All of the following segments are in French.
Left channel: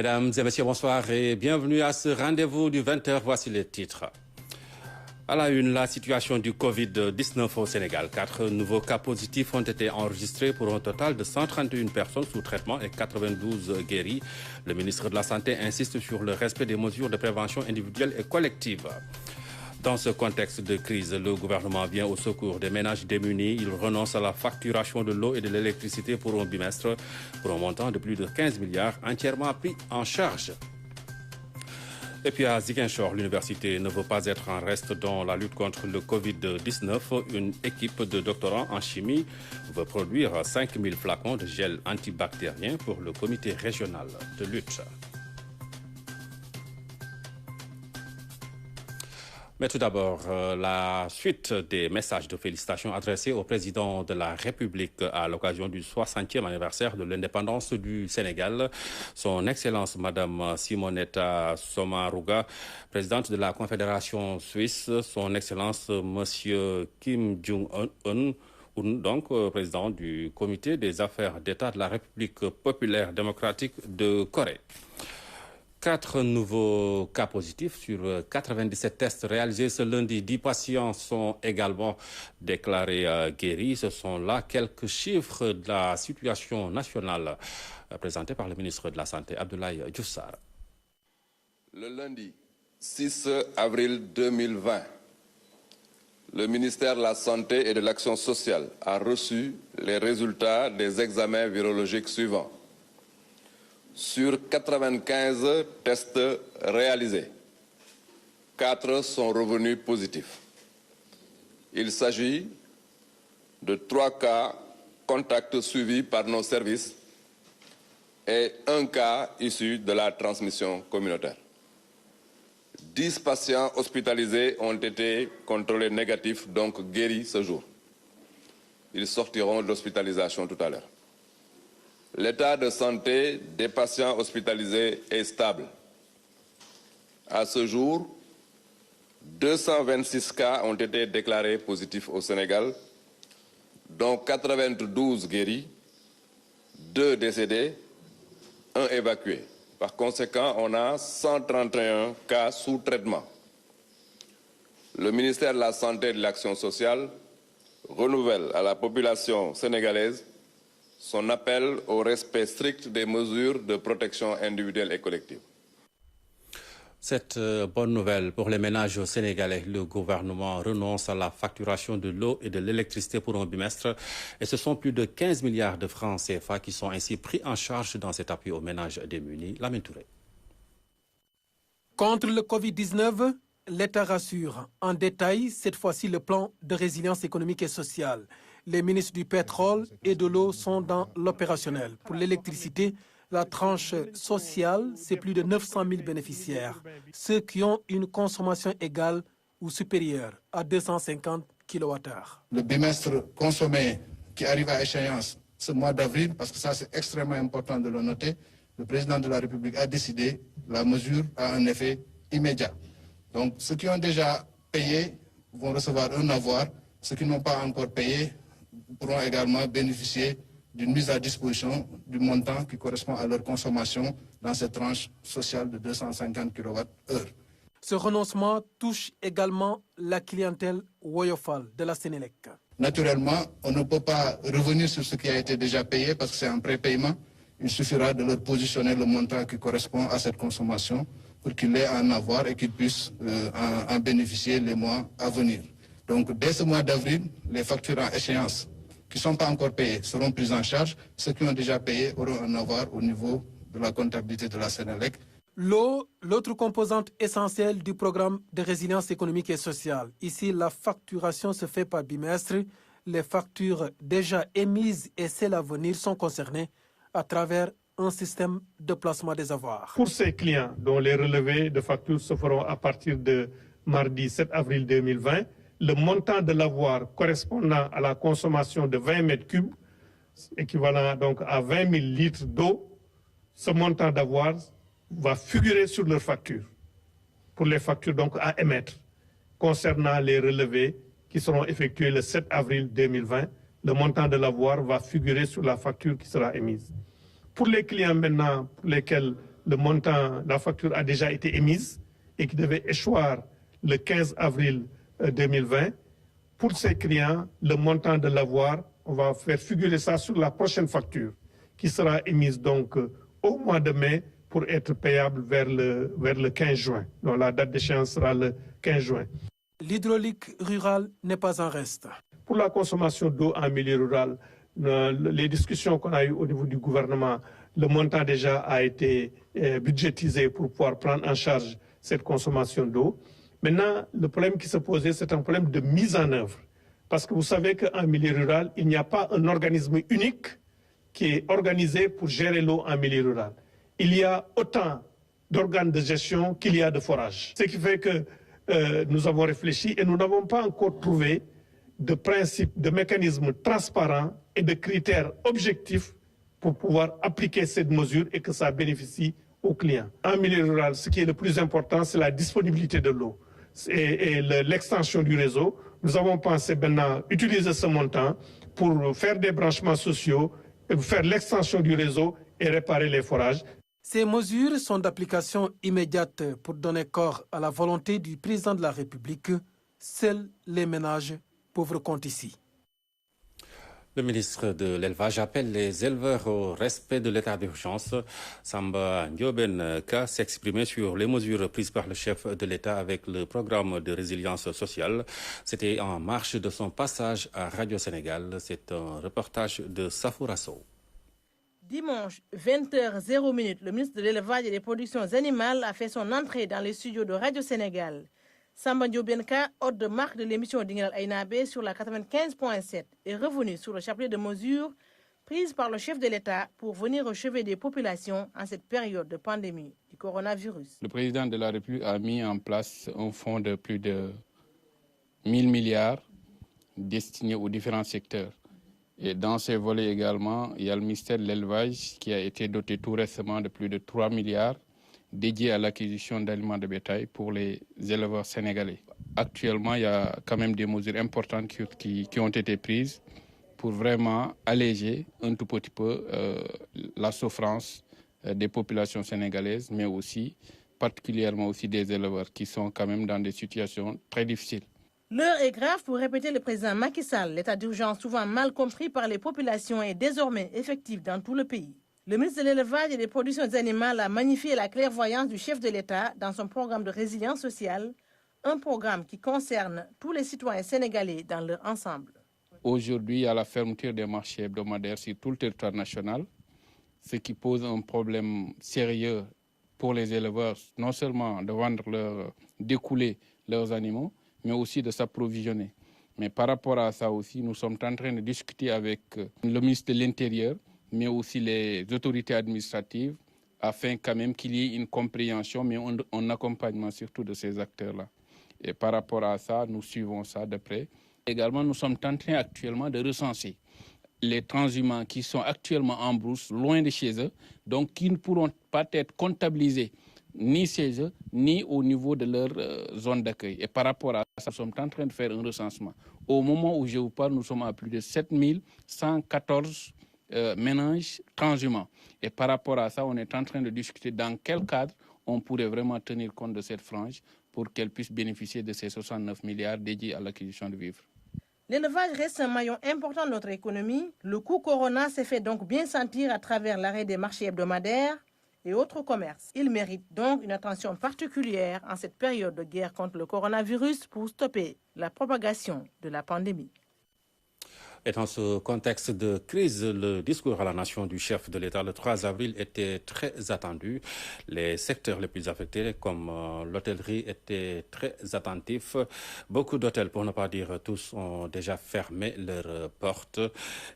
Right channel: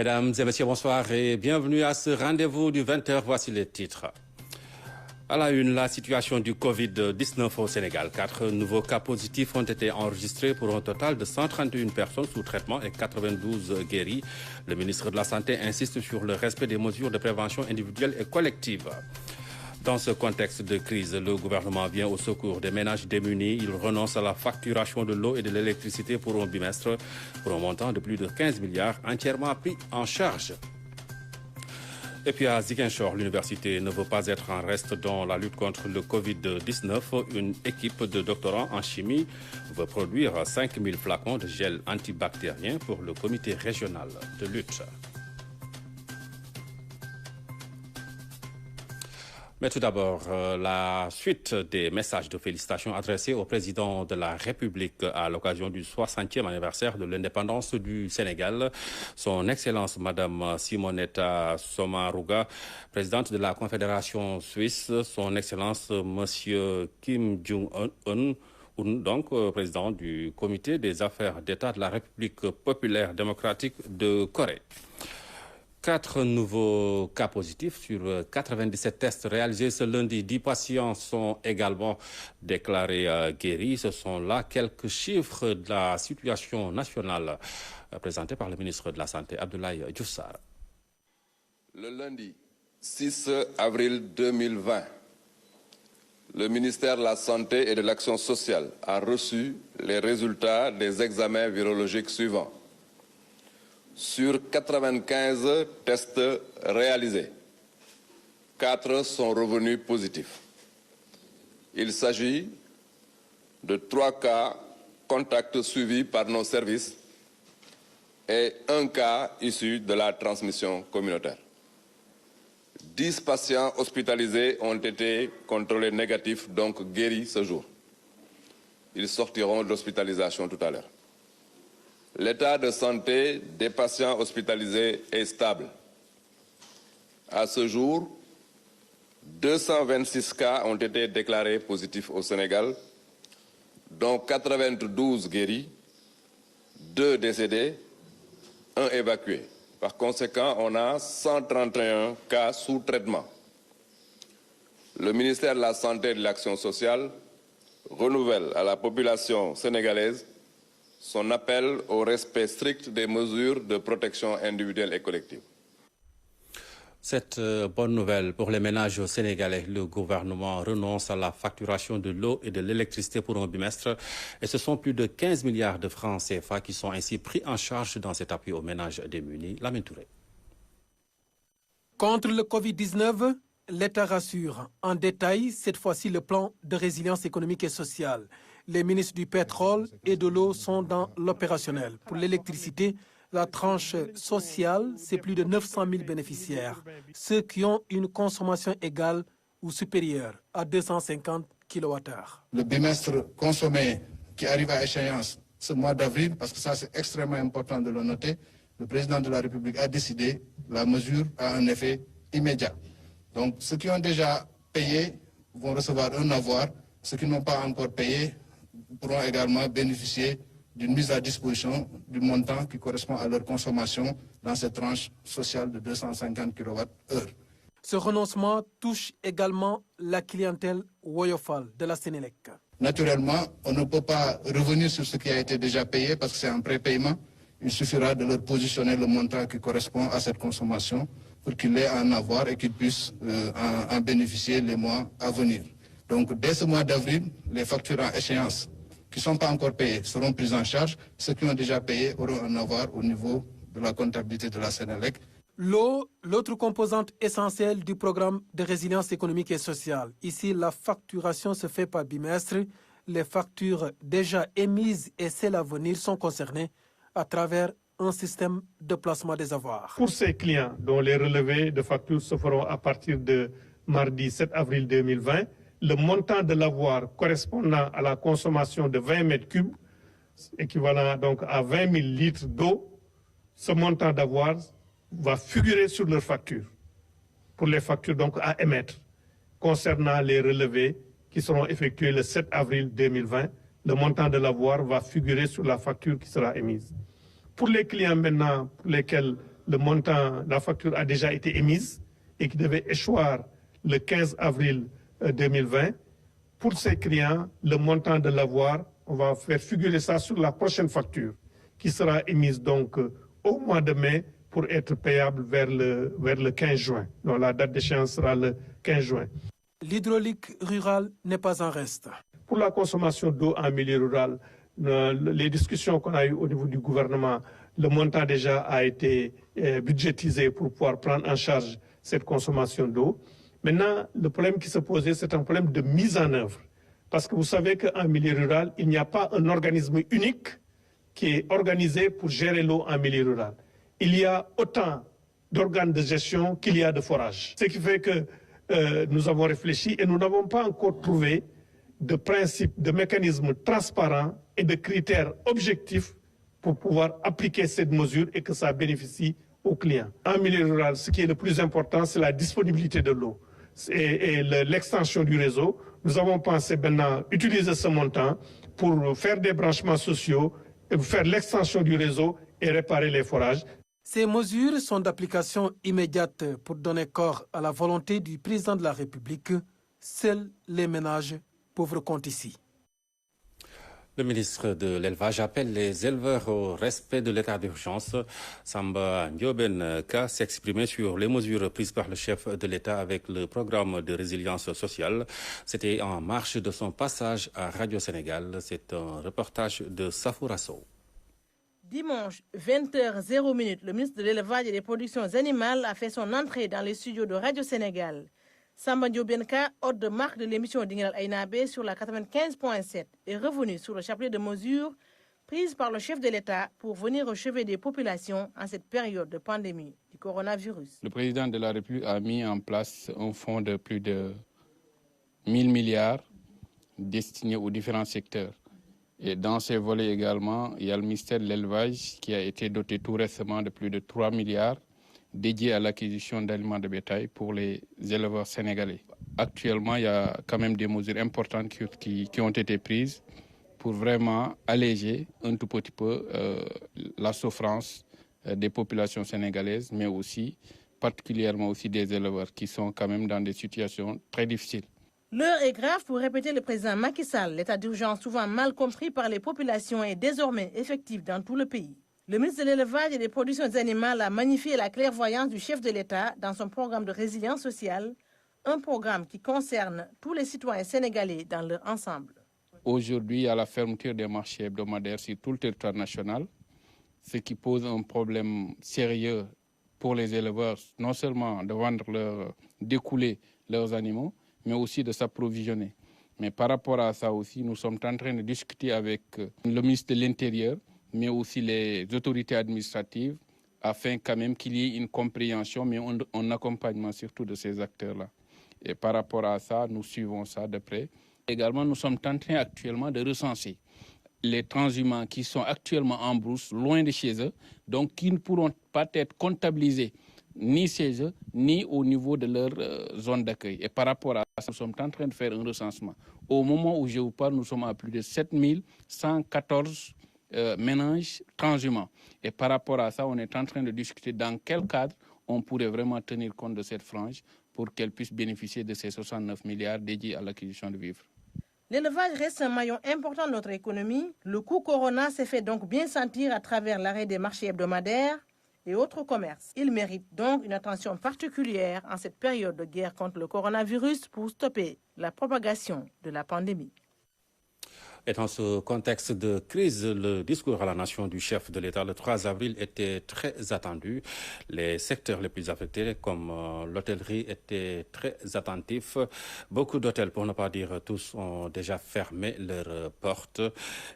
Mesdames et messieurs, bonsoir et bienvenue à ce rendez-vous du 20h. Voici les titres. À la une, la situation du Covid-19 au Sénégal. 4 nouveaux cas positifs ont été enregistrés pour un total de 131 personnes sous traitement et 92 guéris. Le ministre de la Santé insiste sur le respect des mesures de prévention individuelle et collective. Dans ce contexte de crise, le gouvernement vient au secours des ménages démunis. Il renonce à la facturation de l'eau et de l'électricité pour un bimestre pour un montant de plus de 15 milliards entièrement pris en charge. Et puis à Ziguinchor, l'université ne veut pas être en reste dans la lutte contre le Covid-19. Une équipe de doctorants en chimie veut produire 5000 flacons de gel antibactérien pour le comité régional de lutte. Mais tout d'abord, la suite des messages de félicitations adressés au président de la République à l'occasion du 60e anniversaire de l'indépendance du Sénégal. Son Excellence Madame Simonetta Sommaruga, présidente de la Confédération suisse, son Excellence Monsieur Kim Jong-un, donc président du Comité des affaires d'État de la République populaire démocratique de Corée. 4 nouveaux cas positifs sur 97 tests réalisés ce lundi. 10 patients sont également déclarés guéris. Ce sont là quelques chiffres de la situation nationale présentés par le ministre de la Santé, Abdoulaye Diouf Sarr. Le lundi 6 avril 2020, le ministère de la Santé et de l'Action sociale a reçu les résultats des examens virologiques suivants. Sur 95 tests réalisés, 4 sont revenus positifs. Il s'agit de 3 cas contacts suivis par nos services et 1 cas issu de la transmission communautaire. 10 patients hospitalisés ont été contrôlés négatifs, donc guéris ce jour. Ils sortiront d'hospitalisation tout à l'heure. L'état de santé des patients hospitalisés est stable. À ce jour, 226 cas ont été déclarés positifs au Sénégal, dont 92 guéris, 2 décédés, 1 évacué. Par conséquent, on a 131 cas sous traitement. Le ministère de la Santé et de l'Action sociale renouvelle à la population sénégalaise son appel au respect strict des mesures de protection individuelle et collective. Cette bonne nouvelle pour les ménages sénégalais. Le gouvernement renonce à la facturation de l'eau et de l'électricité pour un bimestre. Et ce sont plus de 15 milliards de francs CFA qui sont ainsi pris en charge dans cet appui aux ménages démunis. Lamine Touré. Contre le Covid-19, l'État rassure en détail cette fois-ci le plan de résilience économique et sociale. Les ministres du pétrole et de l'eau sont dans l'opérationnel. Pour l'électricité, la tranche sociale, c'est plus de 900 000 bénéficiaires, ceux qui ont une consommation égale ou supérieure à 250 kWh. Le bimestre consommé qui arrive à échéance ce mois d'avril, parce que ça c'est extrêmement important de le noter, le président de la République a décidé, la mesure a un effet immédiat. Donc ceux qui ont déjà payé vont recevoir un avoir, ceux qui n'ont pas encore payé pourront également bénéficier d'une mise à disposition du montant qui correspond à leur consommation dans cette tranche sociale de 250 kWh. Ce renoncement touche également la clientèle Woyofal de la Sénélec. Naturellement, on ne peut pas revenir sur ce qui a été déjà payé parce que c'est un prépaiement. Il suffira de leur positionner le montant qui correspond à cette consommation pour qu'ils aient un avoir et qu'ils puissent en bénéficier les mois à venir. Donc dès ce mois d'avril, les factures en échéance qui ne sont pas encore payés seront pris en charge. Ceux qui ont déjà payé auront un avoir au niveau de la comptabilité de la Sénélec. L'eau, l'autre composante essentielle du programme de résilience économique et sociale. Ici, la facturation se fait par bimestre. Les factures déjà émises et celles à venir sont concernées à travers un système de placement des avoirs. Pour ces clients dont les relevés de factures se feront à partir de mardi 7 avril 2020, le montant de l'avoir correspondant à la consommation de 20 mètres cubes, équivalent donc à 20 000 litres d'eau, ce montant d'avoir va figurer sur leur facture, pour les factures donc à émettre. Concernant les relevés qui seront effectués le 7 avril 2020, le montant de l'avoir va figurer sur la facture qui sera émise. Pour les clients maintenant pour lesquels le montant, la facture a déjà été émise et qui devait échoir le 15 avril 2020. Pour ces clients, le montant de l'avoir, on va faire figurer ça sur la prochaine facture qui sera émise donc au mois de mai pour être payable vers le 15 juin. Donc la date d'échéance sera le 15 juin. L'hydraulique rurale n'est pas en reste. Pour la consommation d'eau en milieu rural, les discussions qu'on a eues au niveau du gouvernement, le montant déjà a été budgétisé pour pouvoir prendre en charge cette consommation d'eau. Maintenant, le problème qui se posait, c'est un problème de mise en œuvre. Parce que vous savez qu'en milieu rural, il n'y a pas un organisme unique qui est organisé pour gérer l'eau en milieu rural. Il y a autant d'organes de gestion qu'il y a de forages. Ce qui fait que nous avons réfléchi et nous n'avons pas encore trouvé de principes, de mécanismes transparents et de critères objectifs pour pouvoir appliquer cette mesure et que ça bénéficie aux clients. En milieu rural, ce qui est le plus important, c'est la disponibilité de l'eau et l'extension du réseau. Nous avons pensé maintenant utiliser ce montant pour faire des branchements sociaux, faire l'extension du réseau et réparer les forages. Ces mesures sont d'application immédiate pour donner corps à la volonté du président de la République. Seuls les ménages pauvres comptent ici. Le ministre de l'Élevage appelle les éleveurs au respect de l'état d'urgence. Samba Ndioben-Ka s'exprimait sur les mesures prises par le chef de l'État avec le programme de résilience sociale. C'était en marge de son passage à Radio Sénégal. C'est un reportage de Safoura Sow. Dimanche, 20h00, le ministre de l'Élevage et des Productions Animales a fait son entrée dans les studios de Radio Sénégal. Samba Ndioben-Ka, hôte de marque de l'émission d'Ingral Aïnabé sur la 95.7, est revenu sur le chapelet de mesures prises par le chef de l'État pour venir au chevet des populations en cette période de pandémie du coronavirus. Le président de la République a mis en place un fonds de plus de 1000 milliards destiné aux différents secteurs. Et dans ces volets également, il y a le ministère de l'Élevage qui a été doté tout récemment de plus de 3 milliards dédiés à l'acquisition d'aliments de bétail pour les éleveurs sénégalais. Actuellement, il y a quand même des mesures importantes qui ont été prises pour vraiment alléger un tout petit peu la souffrance des populations sénégalaises, mais aussi particulièrement aussi des éleveurs qui sont quand même dans des situations très difficiles. L'heure est grave pour répéter le président Macky Sall. L'état d'urgence, souvent mal compris par les populations, est désormais effectif dans tout le pays. Le ministre de l'Élevage et des Productions Animales a magnifié la clairvoyance du chef de l'État dans son programme de résilience sociale, un programme qui concerne tous les citoyens sénégalais dans leur ensemble. Aujourd'hui, il y a la fermeture des marchés hebdomadaires sur tout le territoire national, ce qui pose un problème sérieux pour les éleveurs, non seulement de vendre d'écouler leurs animaux, mais aussi de s'approvisionner. Mais par rapport à ça aussi, nous sommes en train de discuter avec le ministre de l'Intérieur, mais aussi les autorités administratives, afin quand même qu'il y ait une compréhension, mais un accompagnement surtout de ces acteurs-là. Et par rapport à ça, nous suivons ça de près. Également, nous sommes en train actuellement de recenser les transhumants qui sont actuellement en brousse, loin de chez eux, donc qui ne pourront pas être comptabilisés ni chez eux, ni au niveau de leur zone d'accueil. Et par rapport à ça, nous sommes en train de faire un recensement. Au moment où je vous parle, nous sommes à plus de 7114 ménages transhumants. Et par rapport à ça, on est en train de discuter dans quel cadre on pourrait vraiment tenir compte de cette frange pour qu'elle puisse bénéficier de ces 69 milliards dédiés à l'acquisition de vivres. L'élevage reste un maillon important de notre économie. Le coût Corona s'est fait donc bien sentir à travers l'arrêt des marchés hebdomadaires et autres commerces. Il mérite donc une attention particulière en cette période de guerre contre le coronavirus pour stopper la propagation de la pandémie. Et dans ce contexte de crise, le discours à la nation du chef de l'État le 3 avril était très attendu. Les secteurs les plus affectés, comme l'hôtellerie, étaient très attentifs. Beaucoup d'hôtels, pour ne pas dire tous, ont déjà fermé leurs portes.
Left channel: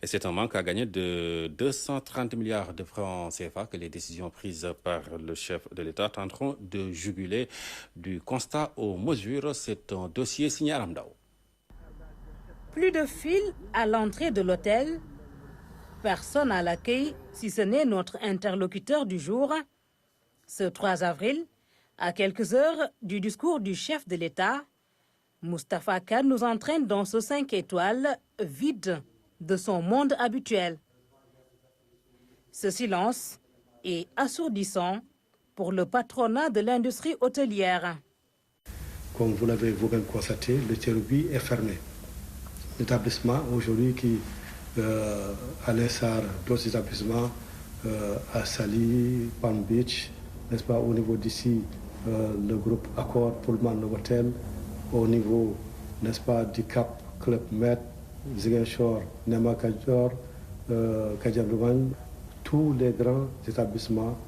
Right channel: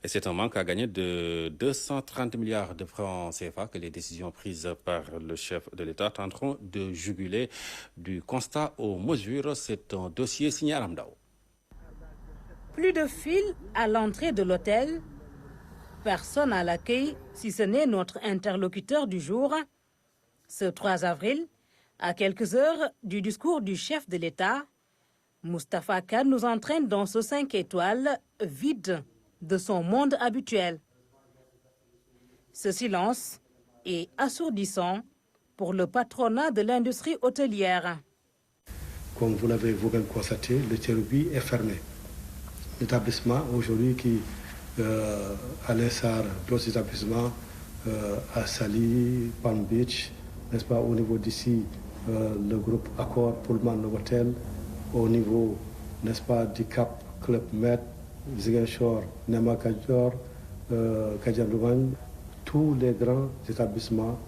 Et c'est un manque à gagner de 230 milliards de francs CFA que les décisions prises par le chef de l'État tenteront de juguler. Du constat aux mesures, c'est un dossier signé à Ramdao. Plus de fil à l'entrée de l'hôtel, personne à l'accueil, si ce n'est notre interlocuteur du jour. Ce 3 avril, à quelques heures du discours du chef de l'État, Moustapha Kane nous entraîne dans ce 5 étoiles vide de son monde habituel. Ce silence est assourdissant pour le patronat de l'industrie hôtelière. Comme vous l'avez vous-même constaté, le Théroubi est fermé. L'établissement aujourd'hui qui, à l'instar d'autres établissements, à Sali, Palm Beach, n'est-ce pas, au niveau d'ici, le groupe Accor, Pullman Novotel, au niveau, n'est-ce pas, du Cap, Club Med, Ziguinchor, Nema Kajor, Kajablouane, tous les grands établissements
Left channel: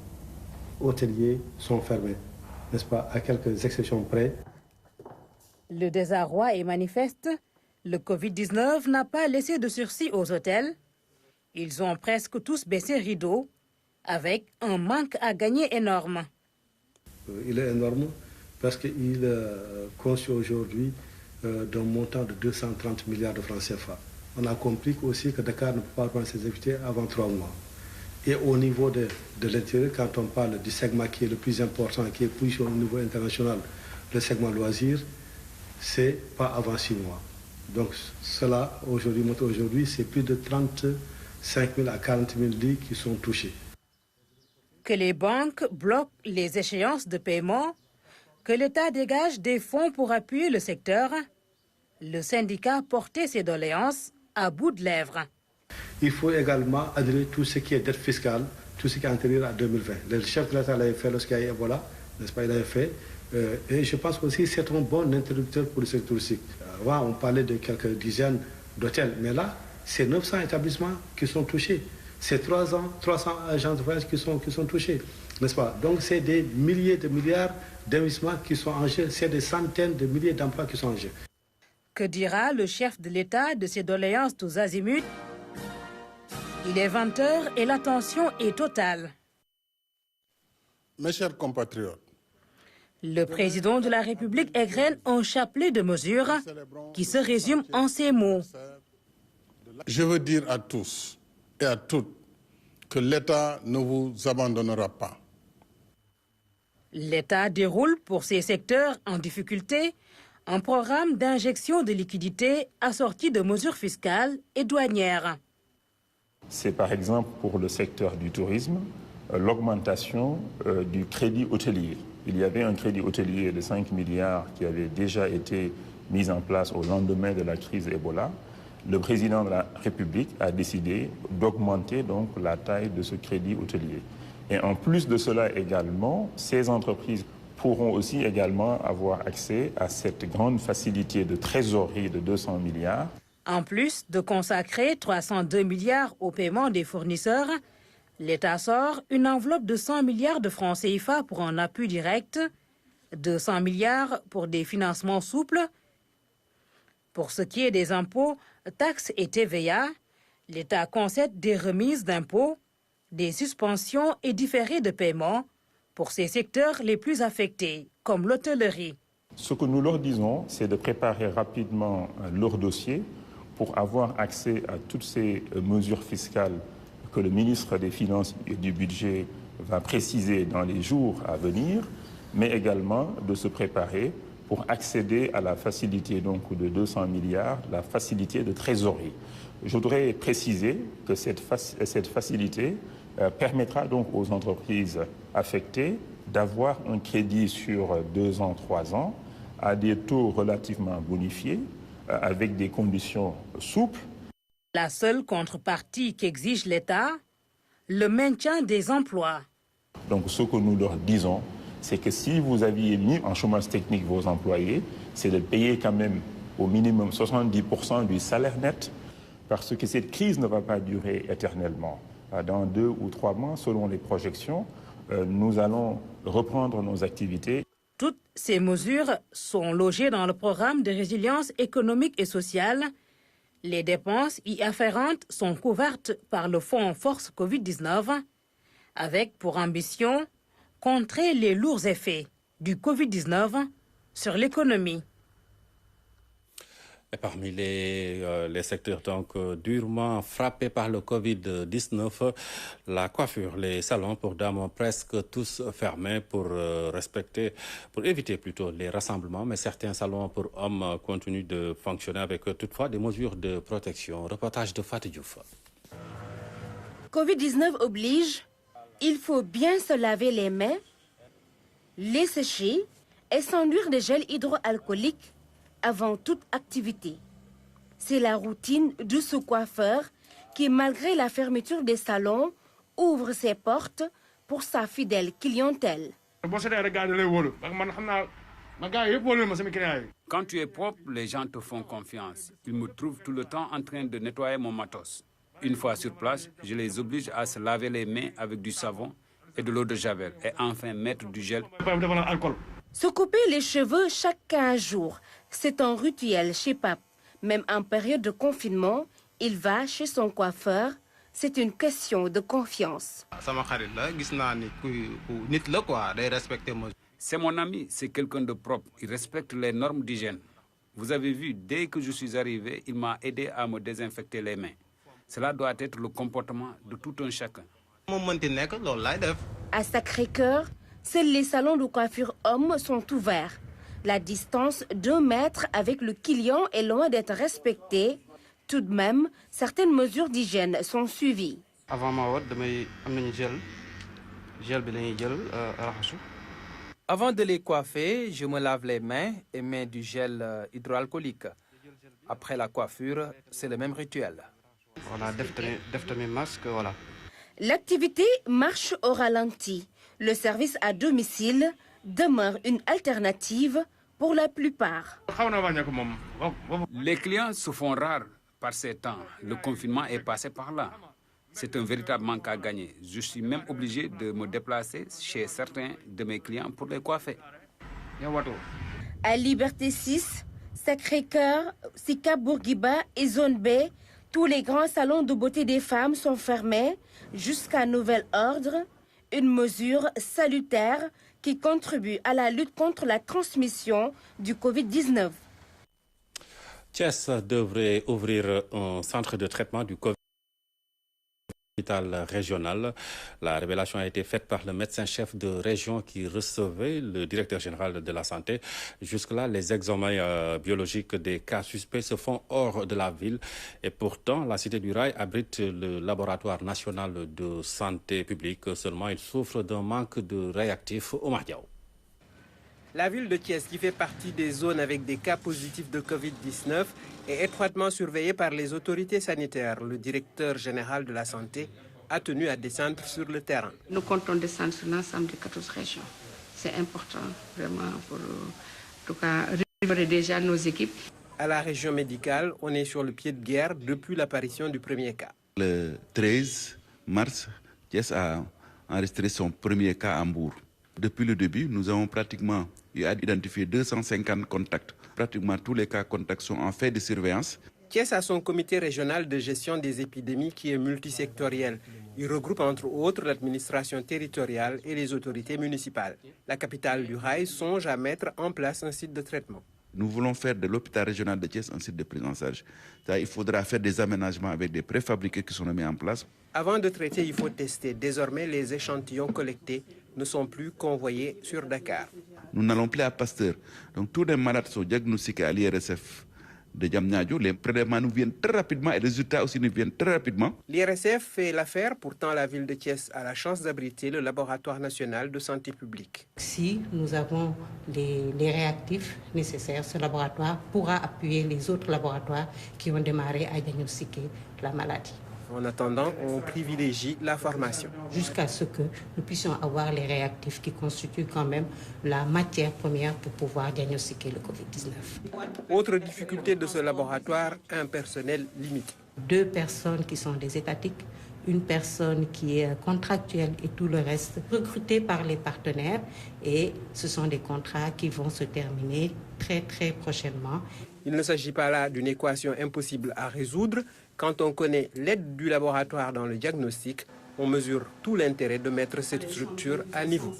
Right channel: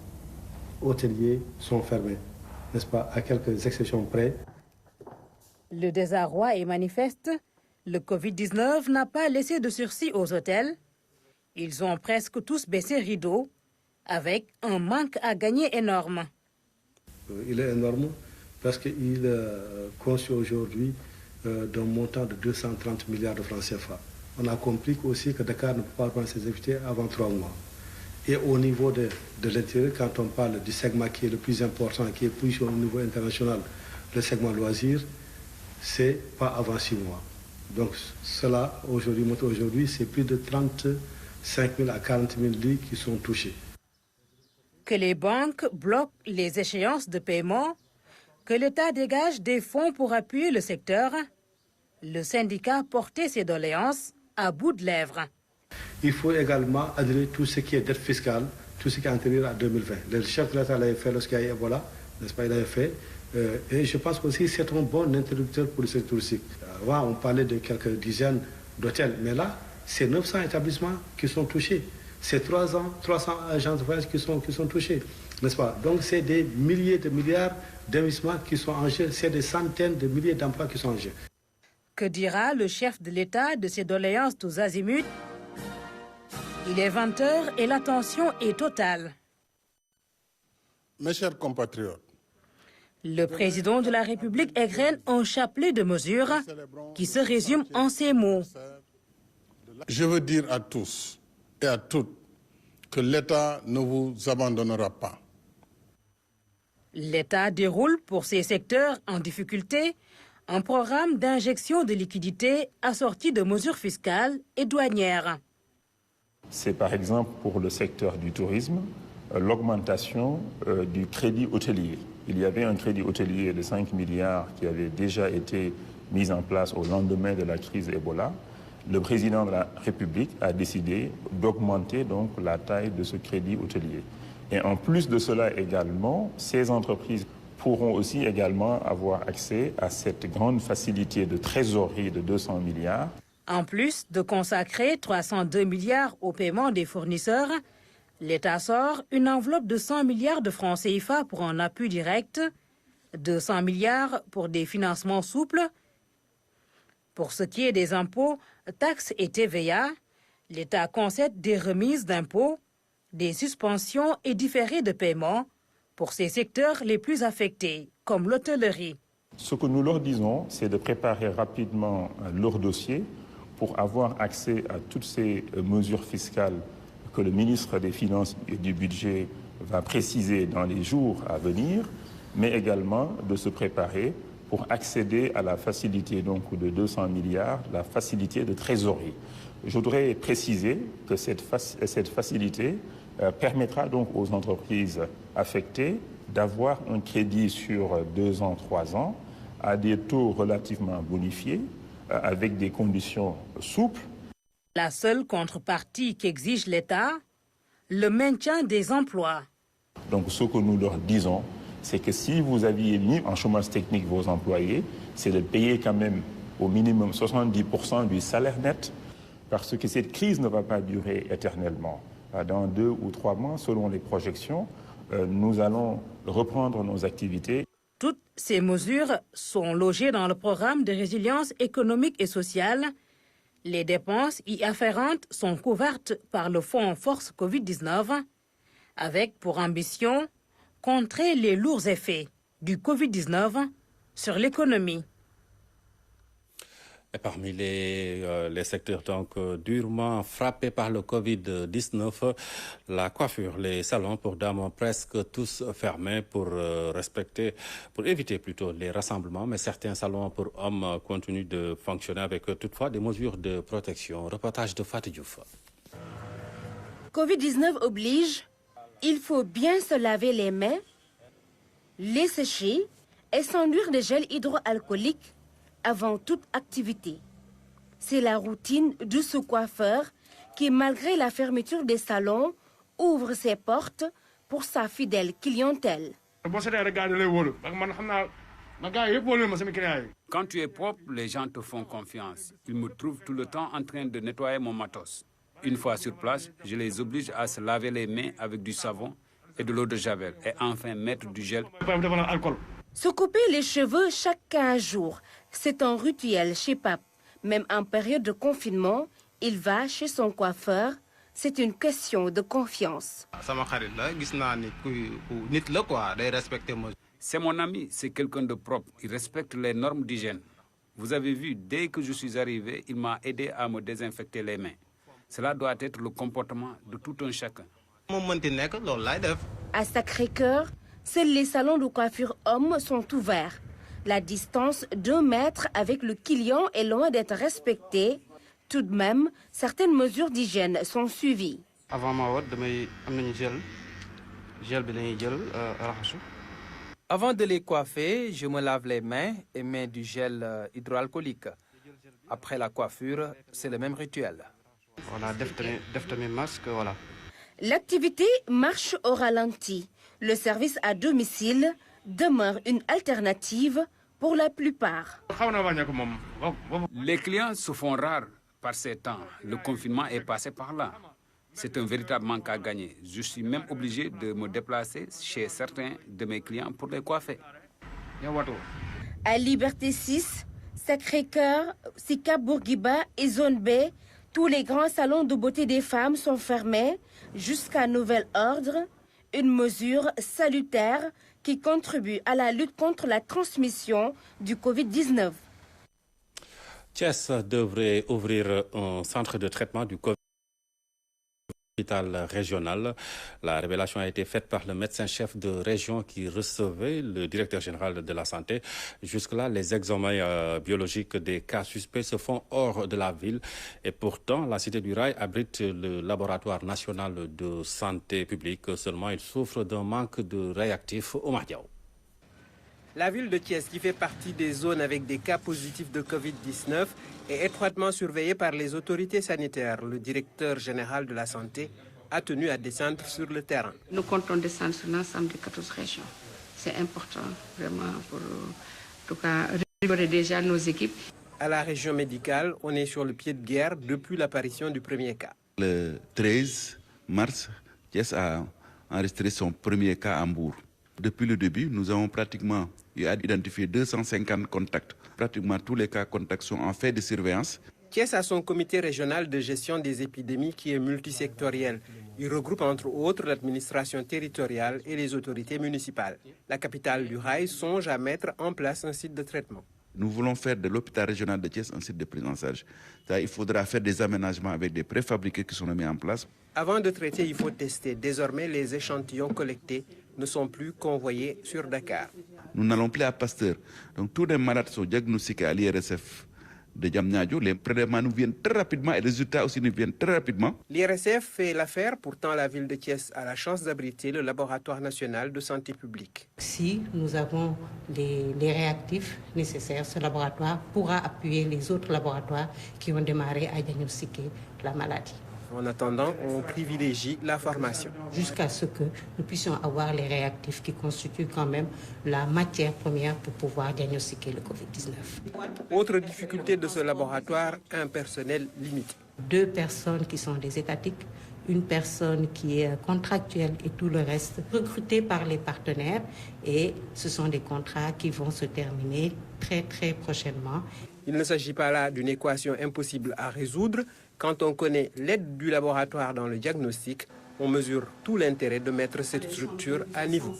hôteliers sont fermés, n'est-ce pas, à quelques exceptions près. Le désarroi est manifeste. Le Covid-19 n'a pas laissé de sursis aux hôtels. Ils ont presque tous baissé rideau, avec un manque à gagner énorme. Il est énorme parce qu'il est conçu aujourd'hui d'un montant de 230 milliards de francs CFA. On a compris aussi que Dakar ne peut pas prendre ses activités avant 3 mois. Et au niveau de l'intérieur, quand on parle du segment qui est le plus important, qui est plus au niveau international, le segment loisirs, c'est pas avant 6 mois. Donc cela, aujourd'hui, c'est plus de 35 000 à 40 000 lits qui sont touchés. Que les banques bloquent les échéances de paiement, que l'État dégage des fonds pour appuyer le secteur, le syndicat portait ses doléances à bout de lèvres. Il faut également adhérer tout ce qui est dette fiscale, tout ce qui est antérieur à 2020. Le chef de l'État l'avait fait lorsqu'il y a Ebola, n'est-ce pas, il l'avait fait. Et je pense aussi que c'est un bon interrupteur pour le secteur touristique. Là, on parlait de quelques dizaines d'hôtels, mais là, c'est 900 établissements qui sont touchés. C'est 300 agents de voyage qui sont touchés, n'est-ce pas? Donc c'est des milliers de milliards d'investissements qui sont en jeu, c'est des centaines de milliers d'emplois qui sont en jeu. Que dira le chef de l'État de ces doléances tous azimuts? Il est 20h et la tension est totale. Mes chers compatriotes, le président de la République égrène un chapelet de mesures qui se résume en ces mots. Je veux dire à tous et à toutes que l'État ne vous abandonnera pas. L'État déroule pour ces secteurs en difficulté un programme d'injection de liquidités assorti de mesures fiscales et douanières. C'est par exemple pour le secteur du tourisme, l'augmentation du crédit hôtelier. Il y avait un crédit hôtelier de 5 milliards qui avait déjà été mis en place au lendemain de la crise Ebola. Le président de la République a décidé d'augmenter donc la taille de ce crédit hôtelier. Et en plus de cela également, ces entreprises pourront aussi également avoir accès à cette grande facilité de trésorerie de 200 milliards. En plus de consacrer 302 milliards au paiement des fournisseurs, l'État sort une enveloppe de 100 milliards de francs CFA pour un appui direct, 200 milliards pour des financements souples. Pour ce qui est des impôts, taxes et TVA, l'État concède des remises d'impôts, des suspensions et différés de paiement pour ces secteurs les plus affectés, comme l'hôtellerie. Ce que nous leur disons, c'est de préparer rapidement leur dossier pour avoir accès à toutes ces mesures fiscales que le ministre des Finances et du Budget va préciser dans les jours à venir, mais également de se préparer pour accéder à la facilité donc de 200 milliards, la facilité de trésorerie. Je voudrais préciser que cette facilité permettra donc aux entreprises affectées d'avoir un crédit sur 2 ans, 3 ans, à des taux relativement bonifiés, avec des conditions souples. La seule contrepartie qu'exige l'État, le maintien des emplois. Donc ce que nous leur disons, c'est que si vous aviez mis en chômage technique vos employés, c'est de payer quand même au minimum 70% du salaire net, parce que cette crise ne va pas durer éternellement. Dans 2 ou 3 mois, selon les projections, nous allons reprendre nos activités. Toutes ces mesures sont logées dans le programme de résilience économique et sociale. Les dépenses y afférentes sont couvertes par le Fonds Force Covid-19, avec pour ambition contrer les lourds effets du Covid-19 sur l'économie. Et parmi les secteurs donc durement frappés par le Covid-19, la coiffure, les salons pour dames presque tous fermés pour éviter plutôt les rassemblements, mais certains salons pour hommes continuent de fonctionner avec toutefois des mesures de protection. Reportage de Fatou Diouf. Covid-19 oblige, il faut bien se laver les mains Les sécher et s'enduire de gel hydroalcoolique avant toute activité. C'est la routine de ce coiffeur qui, malgré la fermeture des salons, ouvre ses portes pour sa fidèle clientèle. Quand tu es propre, les gens te font confiance. Ils me trouvent tout le temps en train de nettoyer mon matos. Une fois sur place, je les oblige à se laver les mains avec du savon et de l'eau de javel et enfin mettre du gel. Se couper les cheveux chaque 15 jours, c'est un rituel chez Pape. Même en période de confinement, il va chez son coiffeur. C'est une question de confiance. C'est mon ami, c'est quelqu'un de propre. Il respecte les normes d'hygiène. Vous avez vu, dès que je suis arrivé, il m'a aidé à me désinfecter les mains. Cela doit être le comportement de tout un chacun. À Sacré-Cœur, seuls les salons de coiffure hommes sont ouverts. La distance d'1 mètre avec le client est loin d'être respectée. Tout de même, certaines mesures d'hygiène sont suivies. Avant de les coiffer, je me lave les mains et mets du gel hydroalcoolique. Après la coiffure, c'est le même rituel. L'activité marche au ralenti. Le service à domicile demeure une alternative pour la plupart. Les clients se font rares par ces temps. Le confinement est passé par là. C'est un véritable manque à gagner. Je suis même obligé de me déplacer chez certains de mes clients pour les coiffer. À Liberté 6, Sacré-Cœur, Sicap Bourguiba et Zone B, tous les grands salons de beauté des femmes sont fermés jusqu'à nouvel ordre. Une mesure salutaire qui contribue à la lutte contre la transmission du Covid-19. Thiès devrait ouvrir un centre de traitement du Covid régional. La révélation a été faite par le médecin-chef de région qui recevait le directeur général de la santé. Jusque-là, les examens biologiques des cas suspects se font hors de la ville. Et pourtant, la Cité du Rail abrite le laboratoire national de santé publique. Seulement, il souffre d'un manque de réactifs au Mardiao. La ville de Thiès, qui fait partie des zones avec des cas positifs de Covid-19, est étroitement surveillée par les autorités sanitaires. Le directeur général de la santé a tenu à descendre sur le terrain. Nous comptons descendre sur l'ensemble des 14 régions. C'est important, vraiment, pour en tout cas, rémunérer déjà nos équipes. À la région médicale, on est sur le pied de guerre depuis l'apparition du premier cas. Le 13 mars, Thiès a enregistré son premier cas à Hambourg. Depuis le début, nous avons pratiquement identifié 250 contacts. Pratiquement tous les cas contacts sont en fait de surveillance. Thiès a son comité régional de gestion des épidémies qui est multisectoriel. Il regroupe entre autres l'administration territoriale et les autorités municipales. La capitale du rail songe à mettre en place un site de traitement. Nous voulons faire de l'hôpital régional de Thiès un site de prise en charge. Il faudra faire des aménagements avec des préfabriqués qui sont mis en place. Avant de traiter, il faut tester. Désormais, les échantillons collectés ne sont plus convoyés sur Dakar. Nous n'allons plus à Pasteur. Donc tous les malades sont diagnostiqués à l'IRSF de Diamniadio. Les prélèvements nous viennent très rapidement et les résultats aussi nous viennent très rapidement. L'IRSF fait l'affaire, pourtant la ville de Thiès a la chance d'abriter le laboratoire national de santé publique. Si nous avons les réactifs nécessaires, ce laboratoire pourra appuyer les autres laboratoires qui ont démarré à diagnostiquer la maladie. En attendant, on privilégie la formation. Jusqu'à ce que nous puissions avoir les réactifs qui constituent quand même la matière première pour pouvoir diagnostiquer le Covid-19. Autre difficulté de ce laboratoire, un personnel limité. 2 personnes qui sont des étatiques, une personne qui est contractuelle et tout le reste recruté par les partenaires. Et ce sont des contrats qui vont se terminer très prochainement. Il ne s'agit pas là d'une équation impossible à résoudre. Quand on connaît l'aide du laboratoire dans le diagnostic, on mesure tout l'intérêt de mettre cette structure à niveau.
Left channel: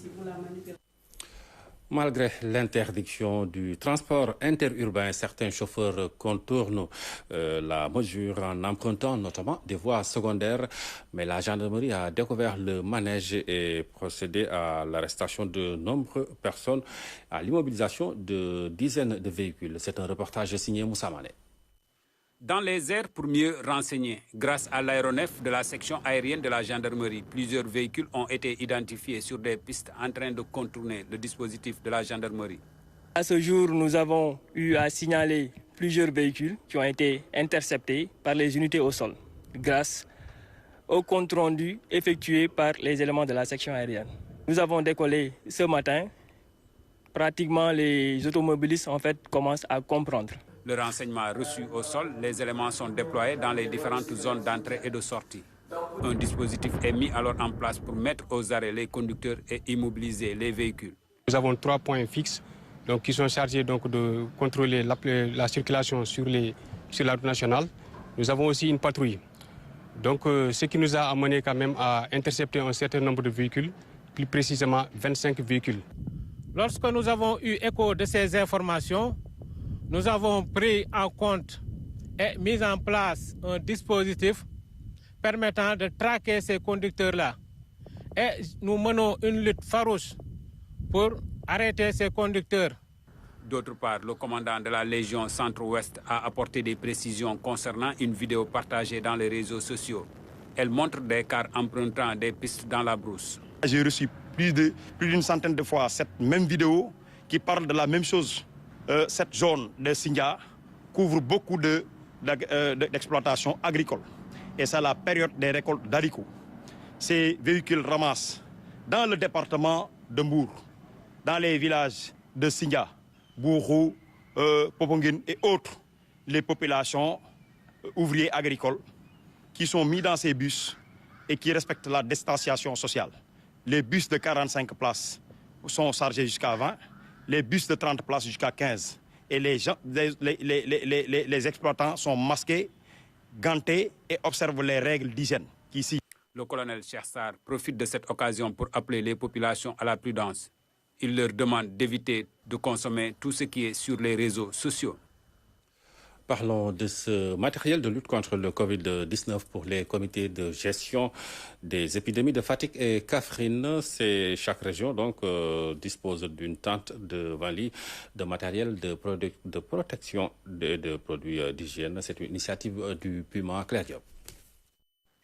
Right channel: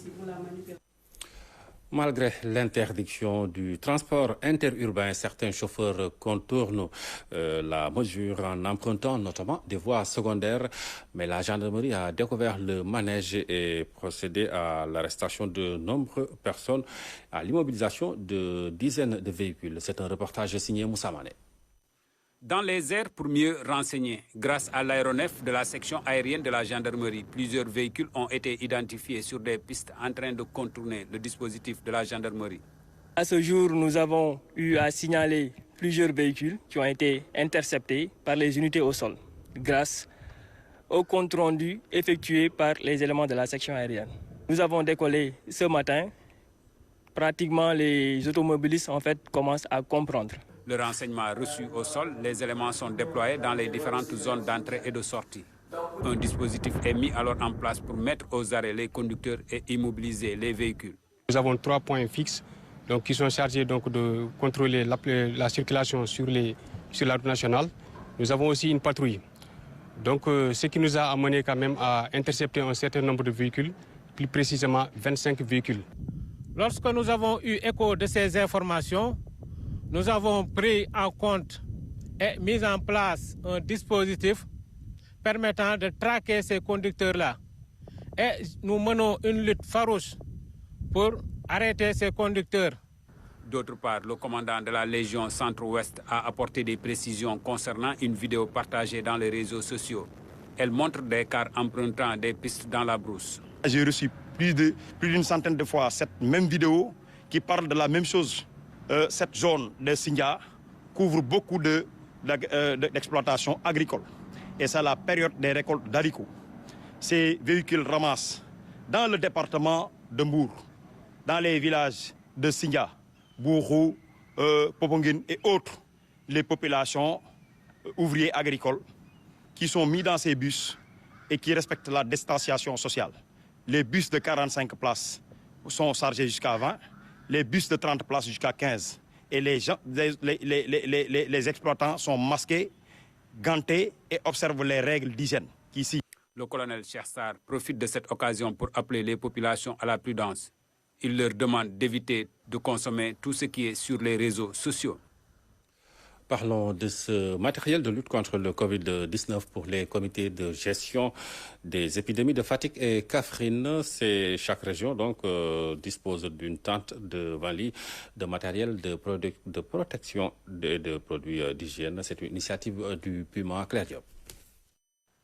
Malgré l'interdiction du transport interurbain, certains chauffeurs contournent la mesure en empruntant notamment des voies secondaires. Mais la gendarmerie a découvert le manège et procédé à l'arrestation de nombreuses personnes, à l'immobilisation de dizaines de véhicules. C'est un reportage signé Moussa Mané. Dans les airs pour mieux renseigner. Grâce à l'aéronef de la section aérienne de la gendarmerie, plusieurs véhicules ont été identifiés sur des pistes en train de contourner le dispositif de la gendarmerie. À ce jour, nous avons eu à signaler plusieurs véhicules qui ont été interceptés par les unités au sol grâce au compte rendu effectué par les éléments de la section aérienne. Nous avons décollé ce matin. Pratiquement, les automobilistes en fait commencent à comprendre. Le renseignement reçu au sol, les éléments sont déployés dans les différentes zones d'entrée et de sortie. Un dispositif est mis alors en place pour mettre aux arrêts les conducteurs et immobiliser les véhicules. Nous avons 3 points fixes qui sont chargés de contrôler la circulation sur la route nationale. Nous avons aussi une patrouille. Ce qui nous a amené quand même à intercepter un certain nombre de véhicules, plus précisément 25 véhicules. Lorsque nous avons eu écho de ces informations, nous avons pris en compte et mis en place un dispositif permettant de traquer ces conducteurs-là. Et nous menons une lutte farouche pour arrêter ces conducteurs. D'autre part, le commandant de la Légion Centre-Ouest a apporté des précisions concernant une vidéo partagée dans les réseaux sociaux. Elle montre des cars empruntant des pistes dans la brousse. J'ai reçu plus d'une centaine de fois cette même vidéo qui parle de la même chose. Cette zone de Sindia couvre beaucoup d'exploitations agricoles. Et c'est la période des récoltes d'haricots. Ces véhicules ramassent dans le département de Mbour, dans les villages de Sindia, Bourou, Popongine et autres, les populations ouvriers agricoles qui sont mis dans ces bus et qui respectent la distanciation sociale. Les bus de 45 places sont chargés jusqu'à 20. Les bus de 30 places jusqu'à 15. Et les exploitants sont masqués, gantés et observent les règles d'hygiène. Le colonel Chersar profite de cette occasion pour appeler les populations à la prudence. Il leur demande d'éviter de consommer tout ce qui est sur les réseaux sociaux. Parlons de ce matériel de lutte contre le Covid-19 pour les comités de gestion des épidémies de Fatick et Kaffrine. Chaque région dispose d'une tente de 20 lits de matériel de protection de produits d'hygiène. C'est une initiative du Puma Clarion.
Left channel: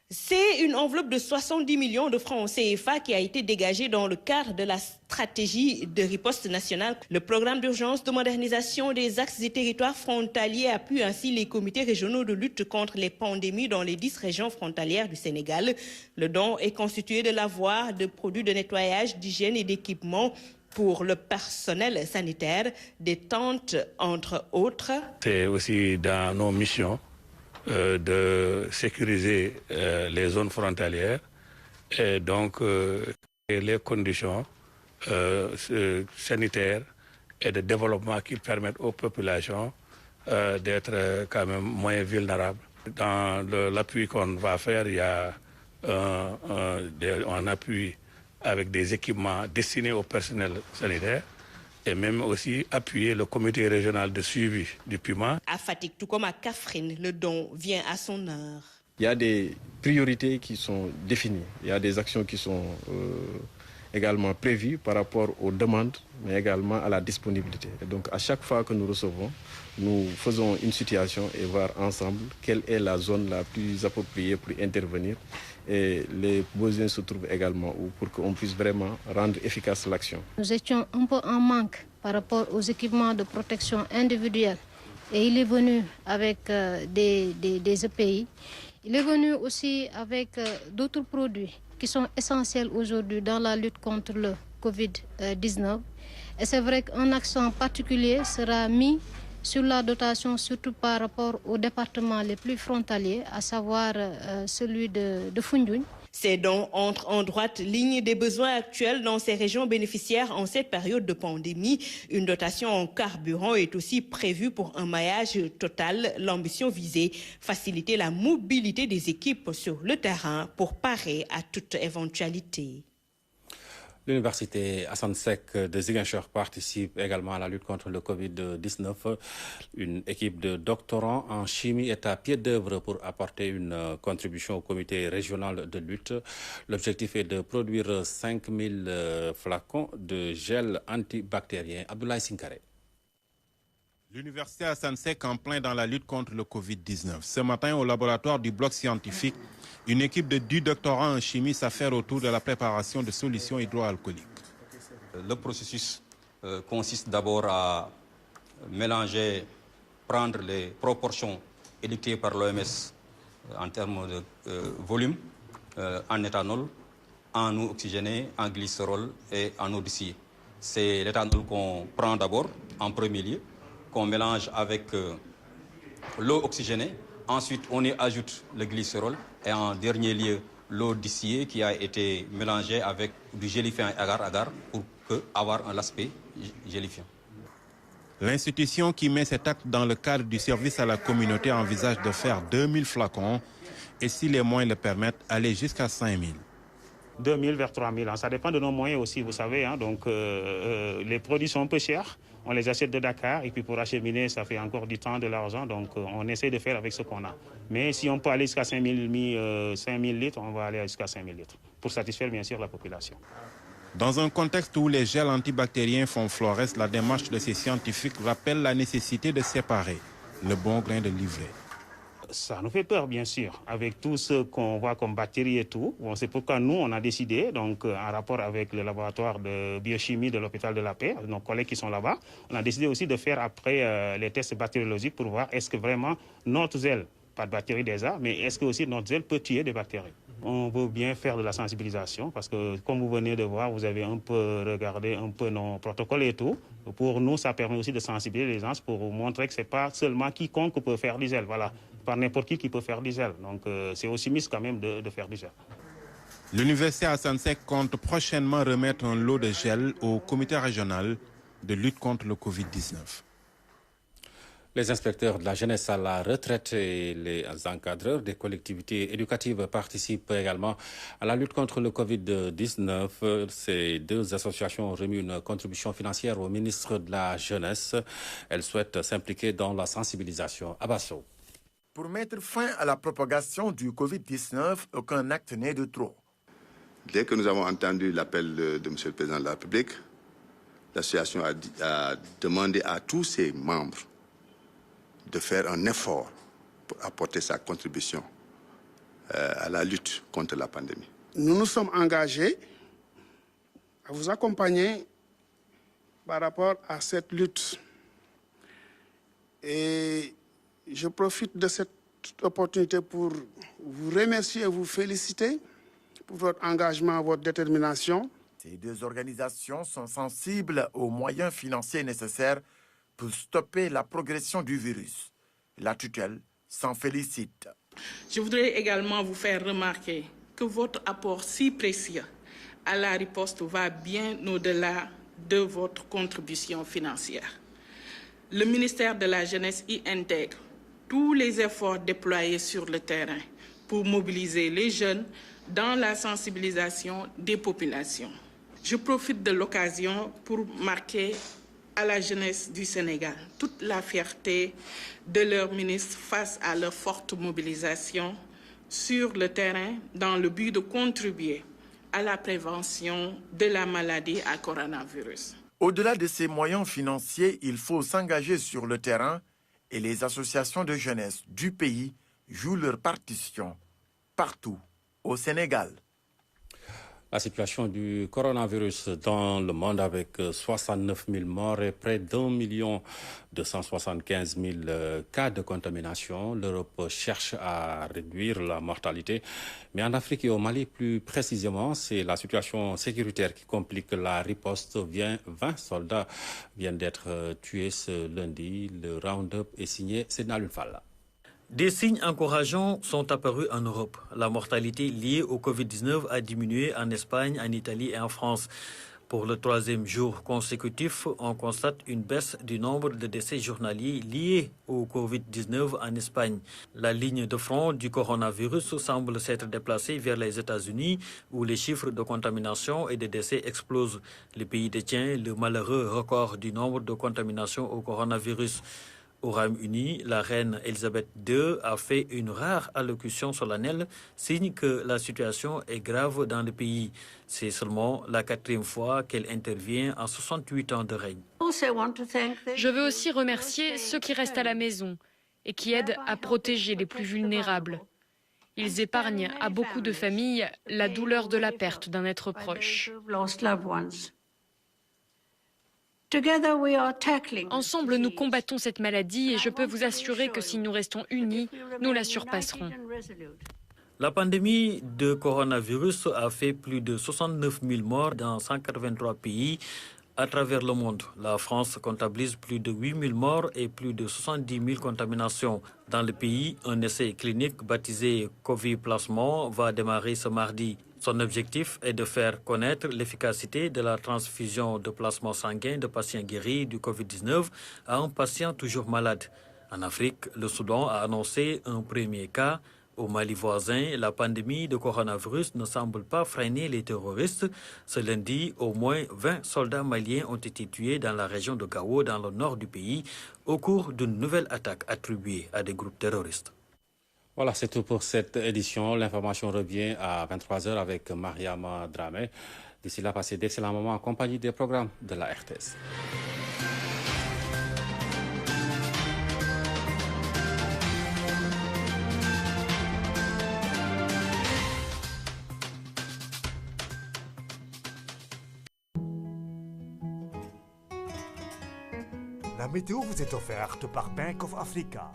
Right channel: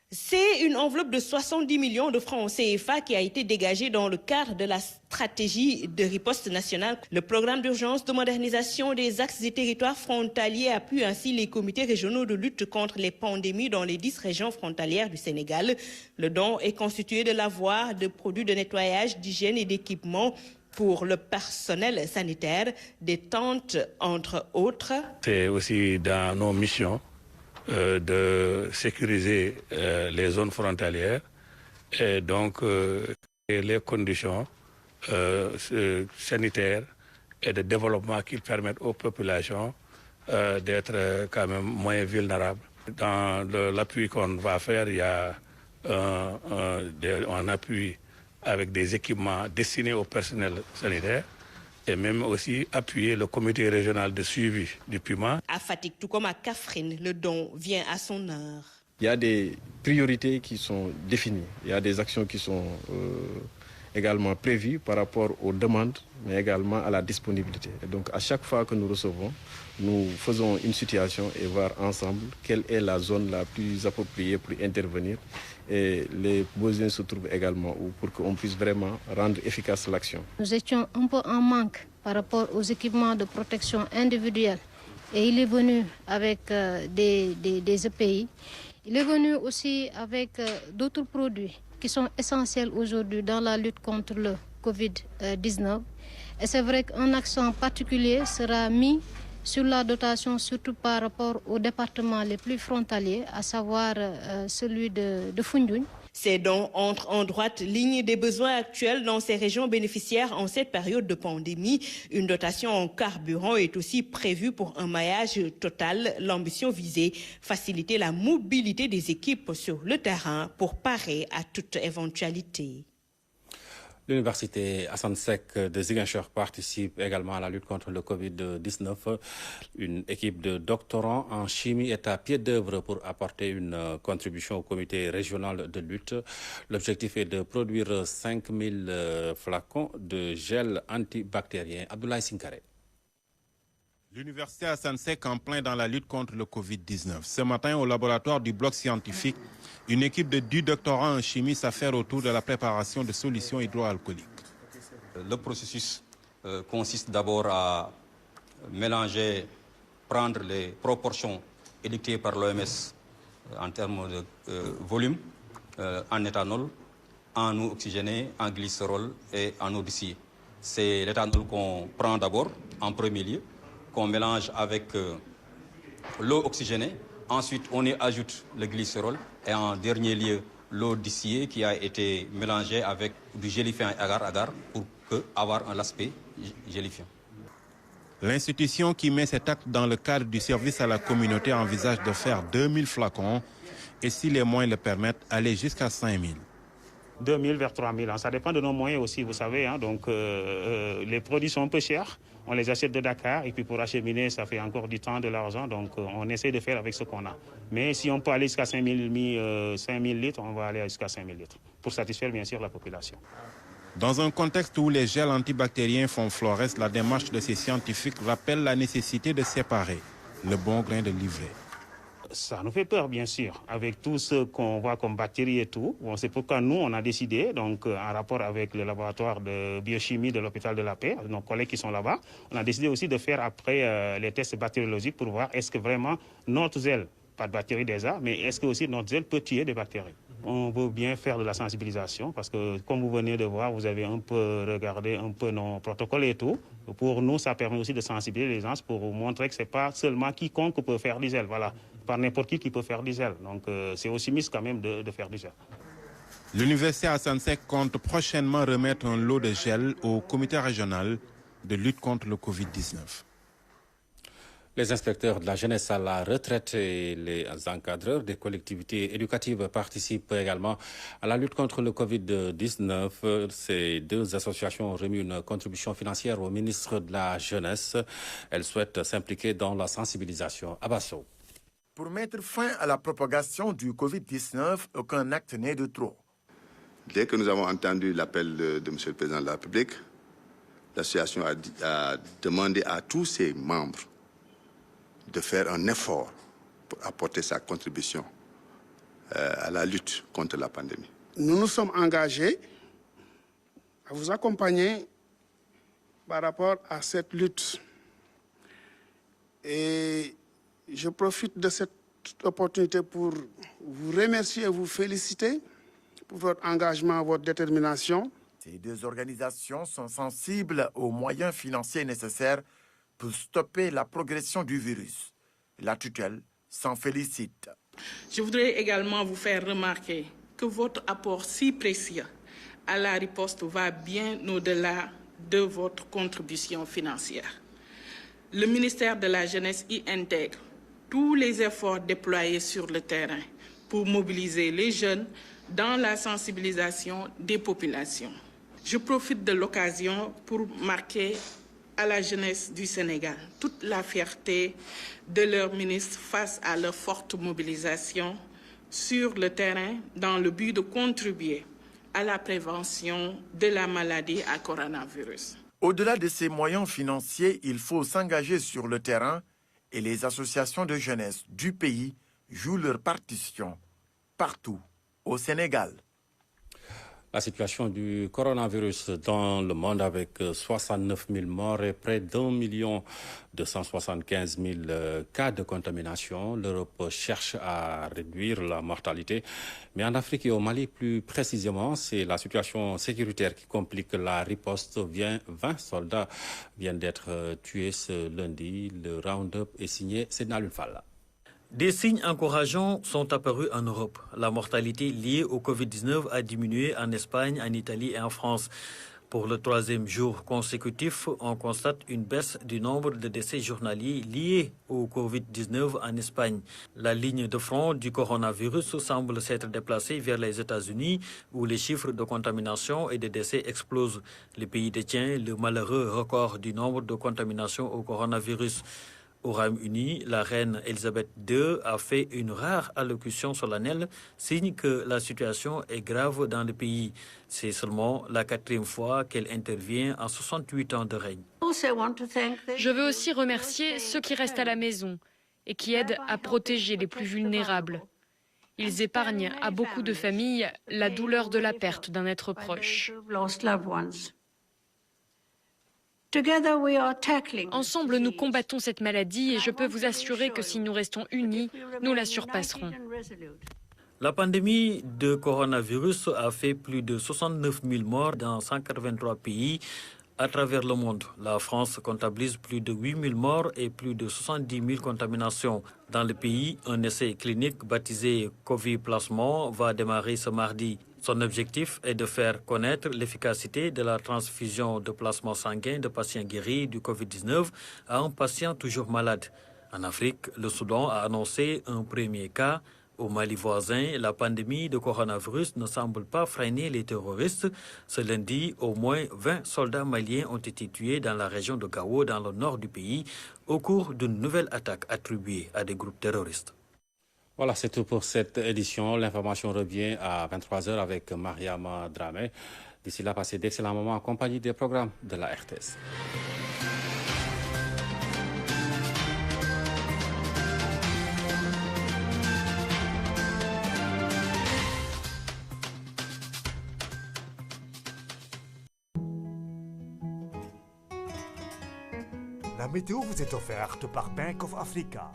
C'est une enveloppe de 70 millions de francs CFA qui a été dégagée dans le cadre de la stratégie de riposte nationale. Le programme d'urgence de modernisation des axes et territoires frontaliers appuie ainsi les comités régionaux de lutte contre les pandémies dans les 10 régions frontalières du Sénégal. Le don est constitué de l'avoir de produits de nettoyage, d'hygiène et d'équipements pour le personnel sanitaire, des tentes entre autres. C'est aussi dans nos missions de sécuriser les zones frontalières et donc les conditions sanitaires et de développement qui permettent aux populations d'être quand même moins vulnérables. Dans l'appui qu'on va faire, il y a un appui avec des équipements destinés au personnel sanitaire et même aussi appuyer le comité régional de suivi du Puma. À Fatick, tout comme à Kaffrine, le don vient à son heure. Il y a des priorités qui sont définies. Il y a des actions qui sont également prévues par rapport aux demandes, mais également à la disponibilité. Et donc, à chaque fois que nous recevons, nous faisons une situation et voir ensemble quelle est la zone la plus appropriée pour intervenir. Et les besoins se trouvent également où pour qu'on puisse vraiment rendre efficace l'action. Nous étions un peu en manque par rapport aux équipements de protection individuelle. Et il est venu avec des EPI. Il est venu aussi avec d'autres produits qui sont essentiels aujourd'hui dans la lutte contre le Covid-19. Et c'est vrai qu'un accent particulier sera mis sur la dotation, surtout par rapport aux départements les plus frontaliers, à savoir celui de Foundiougne. Ces dons entrent en droite ligne des besoins actuels dans ces régions bénéficiaires en cette période de pandémie. Une dotation en carburant est aussi prévue pour un maillage total. L'ambition visée, faciliter la mobilité des équipes sur le terrain pour parer à toute éventualité. L'université Assane Seck de Ziguinchor participe également à la lutte contre le Covid-19. Une équipe de doctorants en chimie est à pied d'œuvre pour apporter une contribution au comité régional de lutte. L'objectif est de produire 5000 flacons de gel antibactérien. Abdoulaye Sinkare. L'université Assane Seck en plein dans la lutte contre le Covid-19. Ce matin, au laboratoire du bloc scientifique, une équipe de 10 doctorants en chimie s'affaire autour de la préparation de solutions hydroalcooliques. Le processus consiste d'abord à mélanger, prendre les proportions édictées par l'OMS en termes de volume, en éthanol, en eau oxygénée, en glycérol et en eau distillée. C'est l'éthanol qu'on prend d'abord en premier lieu, qu'on mélange avec l'eau oxygénée. Ensuite, on y ajoute le glycérol et en dernier lieu, l'eau distillée qui a été mélangée avec du gélifiant agar-agar pour avoir un aspect gélifiant. L'institution qui met cet acte dans le cadre du service à la communauté envisage de faire 2000 flacons et si les moyens le permettent, aller jusqu'à 5000. 2000 vers 3000, ça dépend de nos moyens aussi, vous savez. Donc les produits sont un peu chers, on les achète de Dakar et puis pour acheminer, ça fait encore du temps, de l'argent. Donc on essaie de faire avec ce qu'on a. Mais si on peut aller jusqu'à 5000 litres, on va aller jusqu'à 5000 litres pour satisfaire bien sûr la population. Dans un contexte où les gels antibactériens font florès, la démarche de ces scientifiques rappelle la nécessité de séparer le bon grain de l'ivraie. Ça nous fait peur, bien sûr, avec tout ce qu'on voit comme bactéries et tout. Bon, c'est pourquoi nous, on a décidé, donc en rapport avec le laboratoire de biochimie de l'hôpital de la Paix, nos collègues qui sont là-bas, on a décidé aussi de faire après les tests bactériologiques pour voir est-ce que vraiment notre gel, pas de bactéries déjà, mais est-ce que aussi notre gel peut tuer des bactéries. On veut bien faire de la sensibilisation parce que, comme vous venez de voir, vous avez un peu regardé un peu nos protocoles et tout. Pour nous, ça permet aussi de sensibiliser les gens pour vous montrer que ce n'est pas seulement quiconque peut faire du gel. Voilà, pas n'importe qui peut faire du gel. Donc, c'est aussi mis quand même de faire du gel. L'université Assane Seck compte prochainement remettre un lot de gel au comité régional de lutte contre le Covid-19. Les inspecteurs de la jeunesse à la retraite et les encadreurs des collectivités éducatives participent également à la lutte contre le Covid-19. Ces deux associations ont remis une contribution financière au ministre de la Jeunesse. Elles souhaitent s'impliquer dans la sensibilisation. Abasso. Pour mettre fin à la propagation du Covid-19, aucun acte n'est de trop. Dès que nous avons entendu l'appel de M. le Président de la République, l'association a demandé à tous ses membres de faire un effort pour apporter sa contribution à la lutte contre la pandémie. Nous nous sommes engagés à vous accompagner par rapport à cette lutte. Et je profite de cette opportunité pour vous remercier et vous féliciter pour votre engagement, votre détermination. Ces deux organisations sont sensibles aux moyens financiers nécessaires pour stopper la progression du virus. La tutelle s'en félicite. Je voudrais également vous faire remarquer que votre apport si précieux à la riposte va bien au-delà de votre contribution financière. Le ministère de la Jeunesse y intègre tous les efforts déployés sur le terrain pour mobiliser les jeunes dans la sensibilisation des populations. Je profite de l'occasion pour marquer à la jeunesse du Sénégal toute la fierté de leur ministre face à leur forte mobilisation sur le terrain dans le but de contribuer à la prévention de la maladie à coronavirus. Au-delà de ces moyens financiers, il faut s'engager sur le terrain et les associations de jeunesse du pays jouent leur partition partout au Sénégal. La situation du coronavirus dans le monde avec 69 000 morts et près d'1 275 000 cas de contamination. L'Europe cherche à réduire la mortalité. Mais en Afrique et au Mali, plus précisément, c'est la situation sécuritaire qui complique la riposte. 20 soldats viennent d'être tués ce lundi. Le round-up est signé Sénal Falla. Des signes encourageants sont apparus en Europe. La mortalité liée au Covid-19 a diminué en Espagne, en Italie et en France. Pour le troisième jour consécutif, on constate une baisse du nombre de décès journaliers liés au Covid-19 en Espagne. La ligne de front du coronavirus semble s'être déplacée vers les États-Unis, où les chiffres de contamination et de décès explosent. Le pays détient le malheureux record du nombre de contaminations au coronavirus. Au Royaume-Uni, la reine Elisabeth II a fait une rare allocution solennelle, signe que la situation est grave dans le pays. C'est seulement la 4e fois qu'elle intervient en 68 ans de règne. Je veux aussi remercier ceux qui restent à la maison et qui aident à protéger les plus vulnérables. Ils épargnent à beaucoup de familles la douleur de la perte d'un être proche. Ensemble, nous combattons cette maladie et je peux vous assurer que si nous restons unis, nous la surpasserons. La pandémie de coronavirus a fait plus de 69 000 morts dans 183 pays à travers le monde. La France comptabilise plus de 8 000 morts et plus de 70 000 contaminations. Dans le pays, un essai clinique baptisé Covid Plasmon va démarrer ce mardi. Son objectif est de faire connaître l'efficacité de la transfusion de plasma sanguin de patients guéris du Covid-19 à un patient toujours malade. En Afrique, le Soudan a annoncé un premier cas. Au Mali voisin, la pandémie de coronavirus ne semble pas freiner les terroristes. Ce lundi, au moins 20 soldats maliens ont été tués dans la région de Gao, dans le nord du pays, au cours d'une nouvelle attaque attribuée à des groupes terroristes. Voilà, c'est tout pour cette édition. L'information revient à 23h avec Mariama Dramé. D'ici là, passez d'excellents moments en compagnie des programmes de la RTS. La météo vous est offerte par Bank of Africa.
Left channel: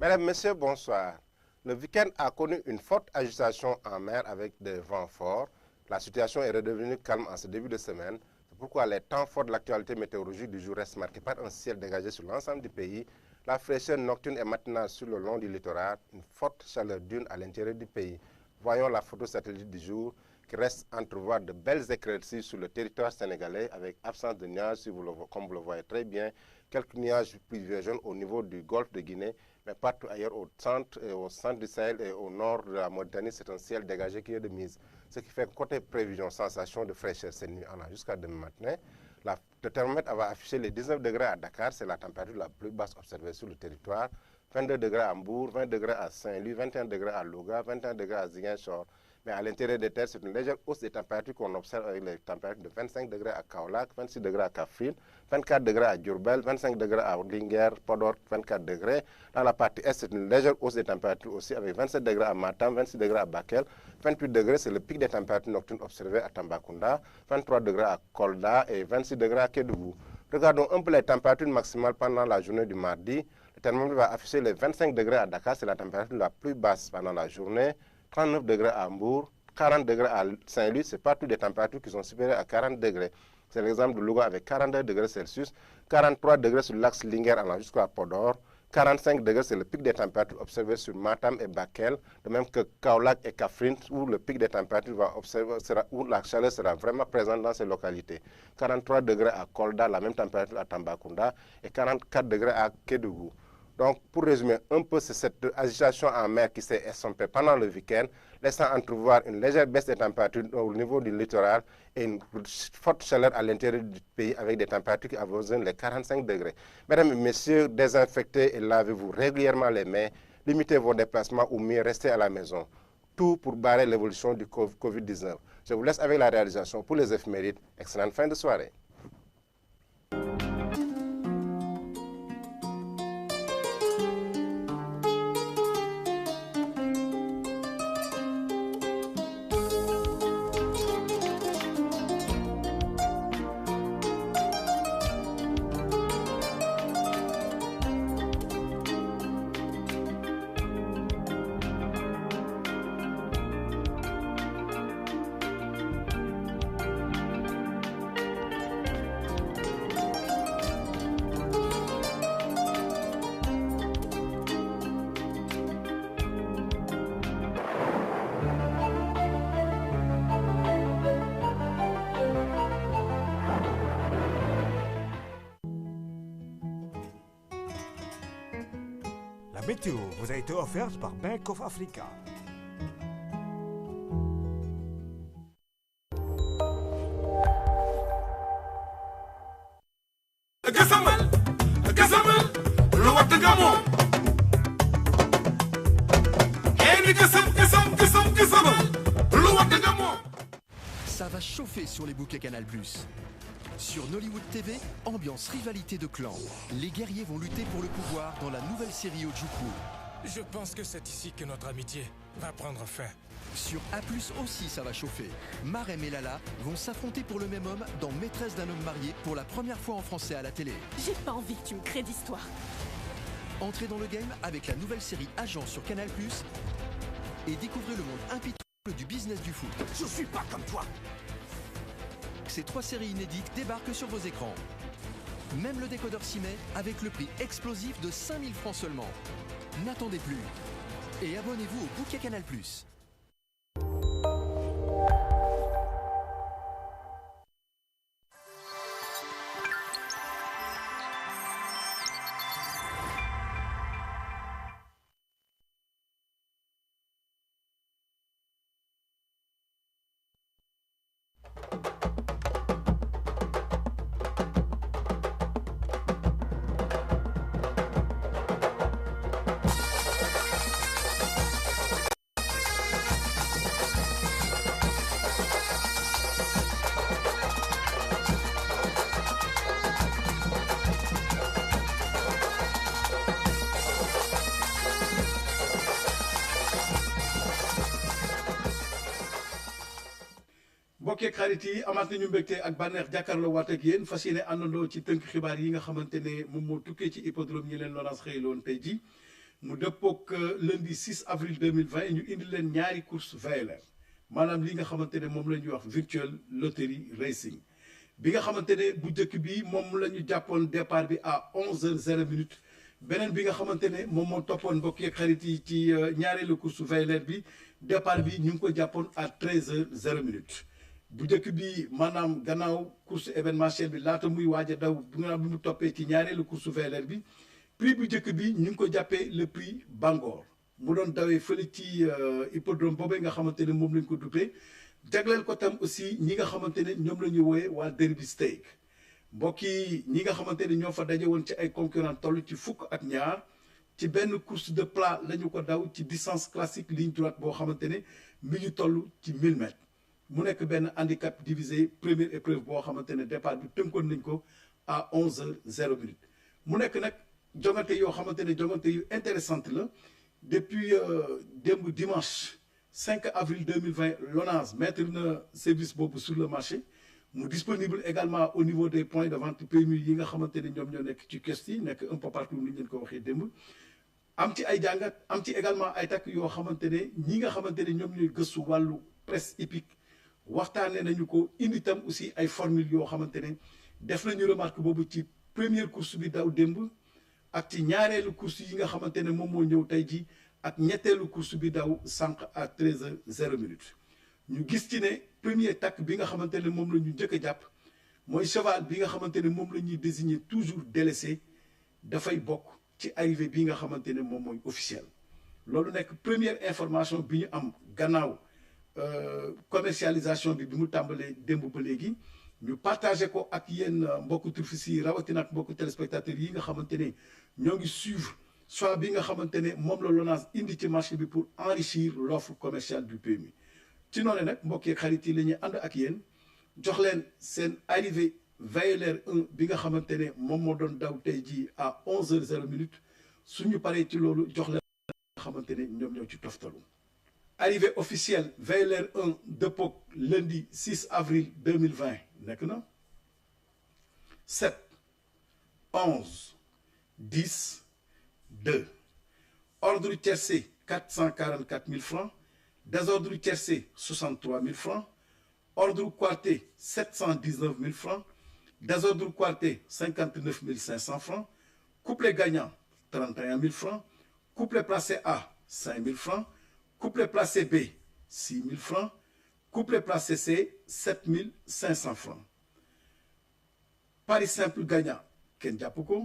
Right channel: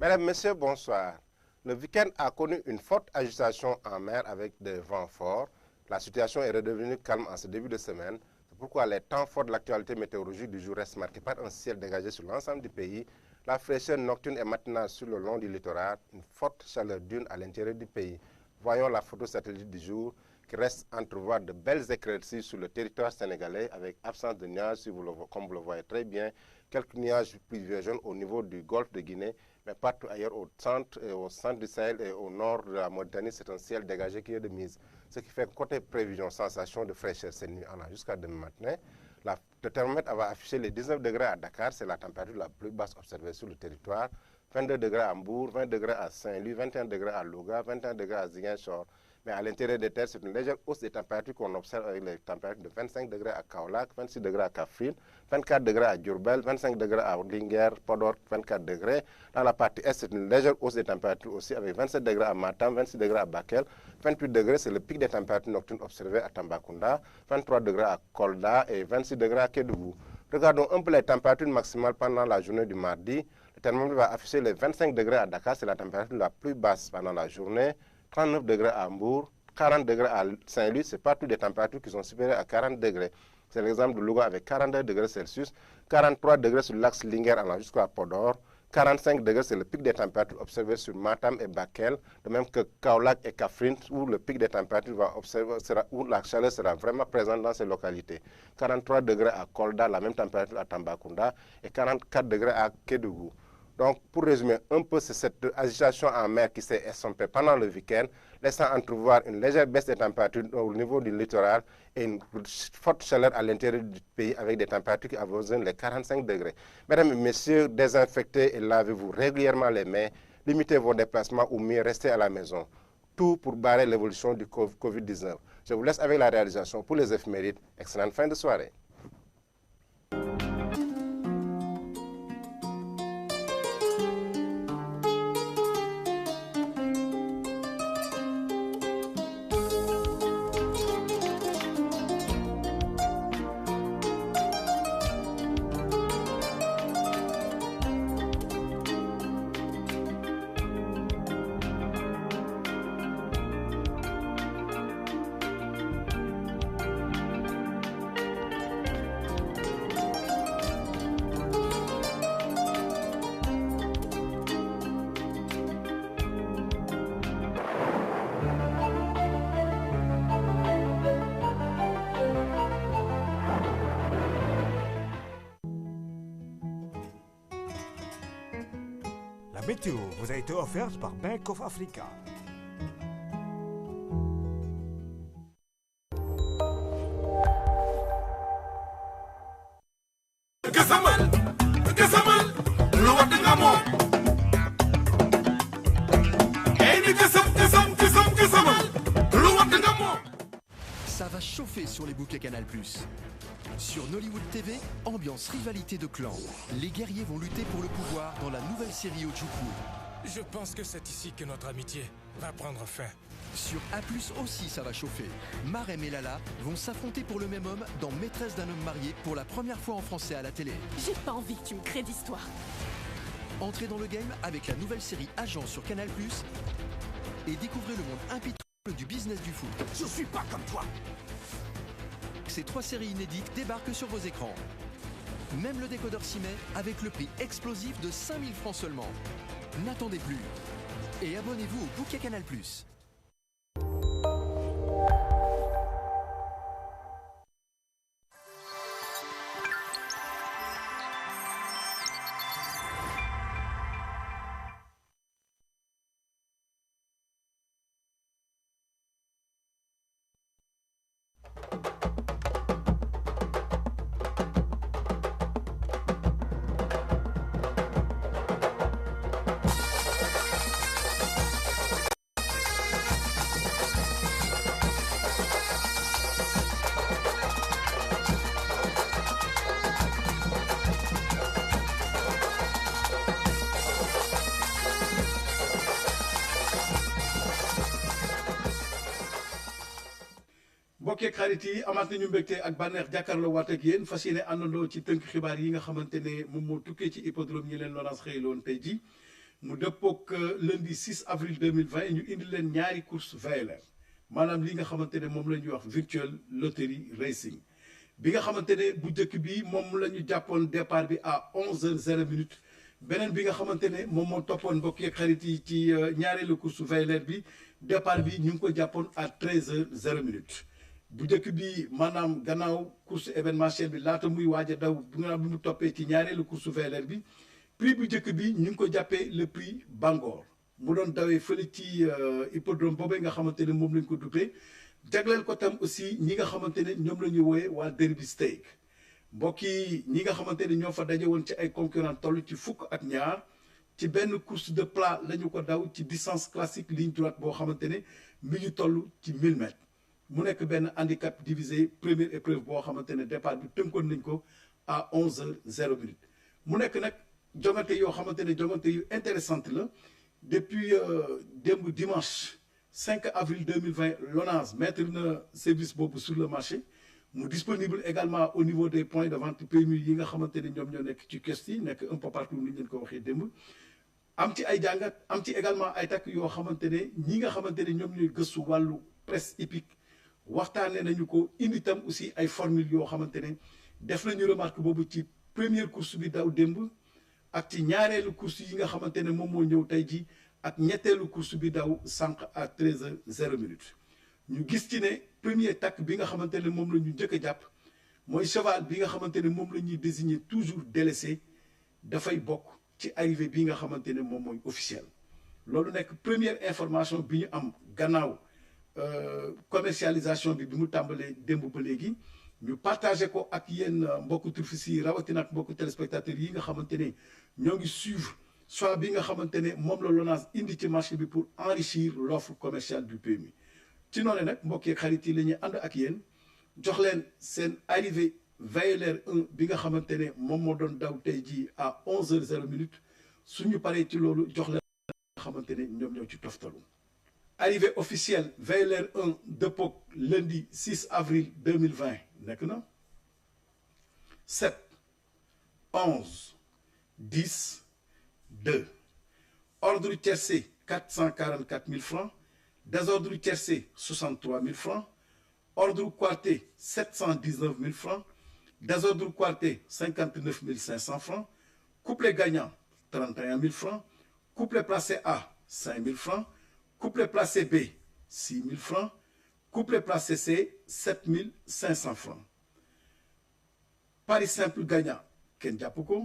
Mesdames, Messieurs, bonsoir. Le week-end a connu une forte agitation en mer avec des vents forts. La situation est redevenue calme en ce début de semaine. C'est pourquoi les temps forts de l'actualité météorologique du jour restent marqués par un ciel dégagé sur l'ensemble du pays, la fraîcheur nocturne et matinale sur le long du littoral, une forte chaleur diurne à l'intérieur du pays. Voyons la photo satellite du jour qui reste entrevoir de belles éclaircies sur le territoire sénégalais avec absence de nuages, comme vous le voyez très bien, quelques nuages pluvieux jaunes au niveau du golfe de Guinée, mais partout ailleurs au centre du Sahel et au nord de la Mauritanie, c'est un ciel dégagé qui est de mise. Ce qui fait côté prévision, sensation de fraîcheur cette nuit allant jusqu'à demain matin. Le thermomètre va afficher les 19 degrés à Dakar, c'est la température la plus basse observée sur le territoire. 22 degrés à Mbour, 20 degrés à Saint-Louis, 21 degrés à Louga, 21 degrés à Ziguinchor. Mais à l'intérieur des terres, c'est une légère hausse des températures qu'on observe avec les températures de 25 degrés à Kaolack, 26 degrés à Kaffrine, 24 degrés à Diourbel, 25 degrés à Linguère, Podor, 24 degrés. Dans la partie est, c'est une légère hausse des températures aussi avec 27 degrés à Matam, 26 degrés à Bakel, 28 degrés, c'est le pic des températures nocturnes observées à Tambacounda, 23 degrés à Kolda et 26 degrés à Kédougou. Regardons un peu les températures maximales pendant la journée du mardi. Le thermomètre va afficher les 25 degrés à Dakar, c'est la température la plus basse pendant la journée. 39 degrés à Hambourg, 40 degrés à Saint-Louis, c'est partout des températures qui sont supérieures à 40 degrés. C'est l'exemple de Louga avec 42 degrés Celsius, 43 degrés sur l'axe Linguère allant jusqu'à Podor, 45 degrés, c'est le pic des températures observées sur Matam et Bakel, de même que Kaolack et Kaffrine, où le pic des températures où la chaleur sera vraiment présente dans ces localités. 43 degrés à Kolda, la même température à Tambacounda, et 44 degrés à Kédougou. Donc, pour résumer un peu, c'est cette agitation en mer qui s'est estompée pendant le week-end, laissant entrevoir une légère baisse des températures au niveau du littoral et une forte chaleur à l'intérieur du pays avec des températures qui avoisinent les 45 degrés. Mesdames et messieurs, désinfectez et lavez-vous régulièrement les mains, limitez vos déplacements ou mieux restez à la maison. Tout pour barrer l'évolution du Covid-19. Je vous laisse avec la réalisation pour les éphémérides. Excellente fin de soirée. La météo vous a été offerte par Bank of Africa. Ça va chauffer sur les bouquets Canal+. Sur Nollywood TV, ambiance rivalité de clans. Les guerriers vont lutter pour le pouvoir dans la nouvelle série Ojukwu. Je pense que c'est ici que notre amitié va prendre fin. Sur A+, aussi ça va chauffer. Marem et Lala vont s'affronter pour le même homme dans Maîtresse d'un homme marié pour la première fois en français à la télé. J'ai pas envie que tu me crées d'histoire. Entrez dans le game avec la nouvelle série Agent sur Canal+, et découvrez le monde impitoyable du business du foot. Je suis pas comme toi. Ces 3 séries inédites débarquent sur vos écrans. Même le décodeur s'y met avec le prix explosif de 5 000 francs seulement. N'attendez plus. Et abonnez-vous au bouquet Canal+. mbokk xarit yi amaat nañu mbégte ak bànneex jàkkaarloo waat ak yéen fas yéene àndandoo ci tënk xibaar yi nga xamante ne moom moo tukkee ci hippodrome ñi leen Lonase xëyloon tey ji mu dëppook lundi 6 avril 2020 ñu indi leen ñaari course VLR maanaam li nga xamante ne moom la ñuy wax virtual lottery racing bi nga xamante ne bu njëkk bi moom la ñu jàppoon départ bi à 11h00 beneen bi nga xamante ne moom moo toppoon mbokk xarit yi ci ñaareelu course VLR bi départ bi ñu ngi ko jàppoon à 13h00 bu njëkk bi maanaam gannaaw course événementielle bi laata muy waaj a daw bu nga bi mu toppee ci ñaareelu course VLR bi prix bu njëkk bi ñu ngi ko jàppee le prix Bangor mu doon dawee fële ci hippodrome boobee nga xamante ne moom lañ ko duppee jagleel ko tam aussi ñi nga xamante ne ñoom la ñuy wooyee waa Derby Stake mbokk yi ñi nga xamante ne ñoo fa daje woon ci ay concurrent toll ci fukk ak ñaar ci benn course de plat la ñu ko daw ci distance classique ligne droite boo xamante ne mi ngi toll ci 1000 mètres mu nekk benn handicap divisé première épreuve boo xamante ne départ bi tënkoon nañ ko à 11h00 mu nekk nag jongante yoo xamante ne jongante yu intéressante la depuis démb dimanche 5 avril 2020 Lonase mettre na service boobu sur le marché mu disponible également au niveau des points de vente PMU yi nga xamante ne ñoom ñoo nekk ci kiosque yi nekk un peu partout ni ñu leen ko waxee démb am ci ay jàngat am ci également ay takk yoo xamante ne ñi nga xamante ne ñoom ñooy gëstu wàllu presse hippique waxtaanee nañu ko indi tam aussi ay formule yoo xamante ne def nañu remarque boobu ci première course bi daw démb ak ci ñaareelu course yi nga xamante ne moom moo ñëw tey ji ak ñetteelu course bi daw sànq à 13h00 ñu gis ci ne premier takk bi nga xamante ne moom la ñu njëkk a jàpp mooy cheval bi nga xamante ne moom la ñuy désigner toujours délaissé dafay bokk ci arrivée bi nga xamante ne moom mooy officiel loolu nekk première information bi ñu am gannaaw commercialisation bi mu tàmbalee démb ba léegi ñu partagé ko ak yéen mbokku turfis yi rawatina ak mbokku téléspectateurs yi nga xamante ne ñoo ngi suivre soit bi nga xamante ne moom la Lonase indi ci marché bi pour enrichir l'offre commerciale du PMU ci noonu nag mbokk yeeg xarit yi la ñuy ànd ak yéen jox leen seen arrivée VLR 1 bi nga xamante ne moom moo doon daw tey jii à 11h00 suñu paree ci loolu jox leen nga xamante ne ñoom ñoo ci toftalu. Arrivée officielle VLR 1 dëppook lundi 6 avril 2020 nekk na 7 11 10 2 ordre tiercé 444 000 francs désordre tiercé 63 000 francs ordre quarté 719 000 francs désordre quarté 59 500 francs couplet gagnant 31 000 francs couplet placé A 5 000 francs couplet placé B 6 000 francs couplet placé C 7 500 francs pari simple gagnant kenn jàpp ko